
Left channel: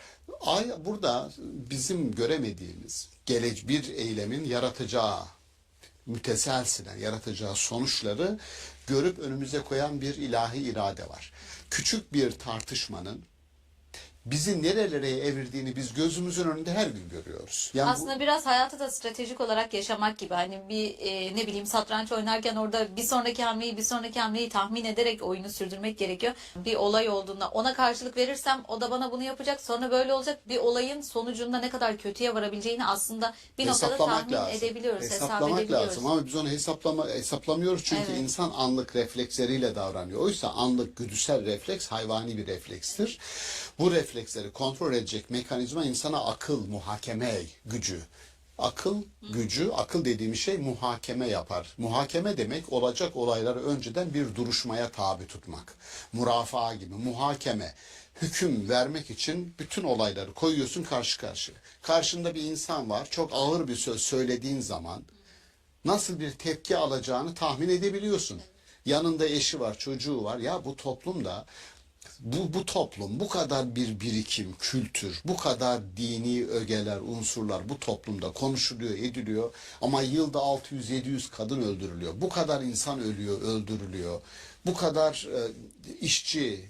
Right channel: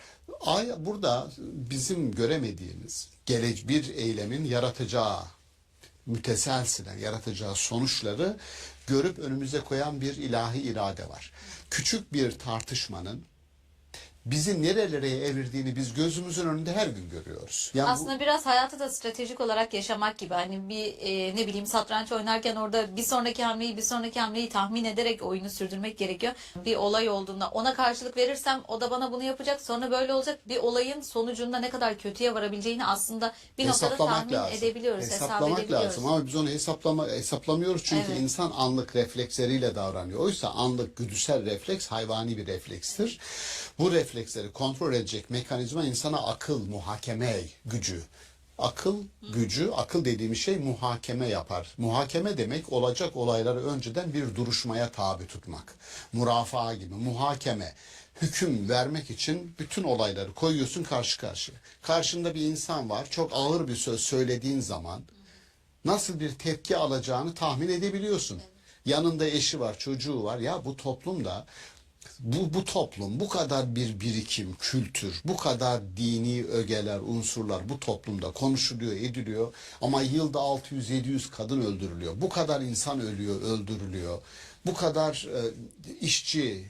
Burada bizim göremediğimiz bir eylemin yaratacağı müteselsilen yaratacağı sonuçları görüp önümüze koyan bir ilahi irade var. Küçük bir tartışmanın bizi nerelere evirdiğini biz gözümüzün önünde her gün görüyoruz. Yani Aslında biraz hayatı da stratejik olarak yaşamak gibi. Hani bir ne bileyim satranç oynarken orada bir sonraki hamleyi tahmin ederek oyunu sürdürmek gerekiyor. Bir olay olduğunda ona karşılık verirsem o da bana bunu yapacak, sonra böyle olacak. Bir olayın sonucunda ne kadar kötüye varabileceğini aslında bir noktada tahmin edebiliyoruz, hesap Hesaplamak edebiliyoruz. lazım ama biz onu hesaplamıyoruz çünkü Evet. insan anlık refleksleriyle davranıyor. Oysa anlık güdüsel refleks hayvani bir reflekstir. Bu refleksleri kontrol edecek mekanizma insana akıl, muhakeme gücü. Akıl gücü, akıl dediğimiz şey muhakeme yapar. Muhakeme demek olacak olayları önceden bir duruşmaya tabi tutmak. Mürafaa gibi muhakeme. Hüküm vermek için bütün olayları koyuyorsun karşı karşıya. Karşında bir insan var, çok ağır bir söz söylediğin zaman nasıl bir tepki alacağını tahmin edebiliyorsun. Yanında eşi var, çocuğu var. Ya bu toplumda bu toplum bu kadar bir birikim, kültür, bu kadar dini ögeler, unsurlar bu toplumda konuşuluyor, ediliyor ama yılda 600-700 kadın öldürülüyor. Bu kadar insan ölüyor, öldürülüyor. Bu kadar işçi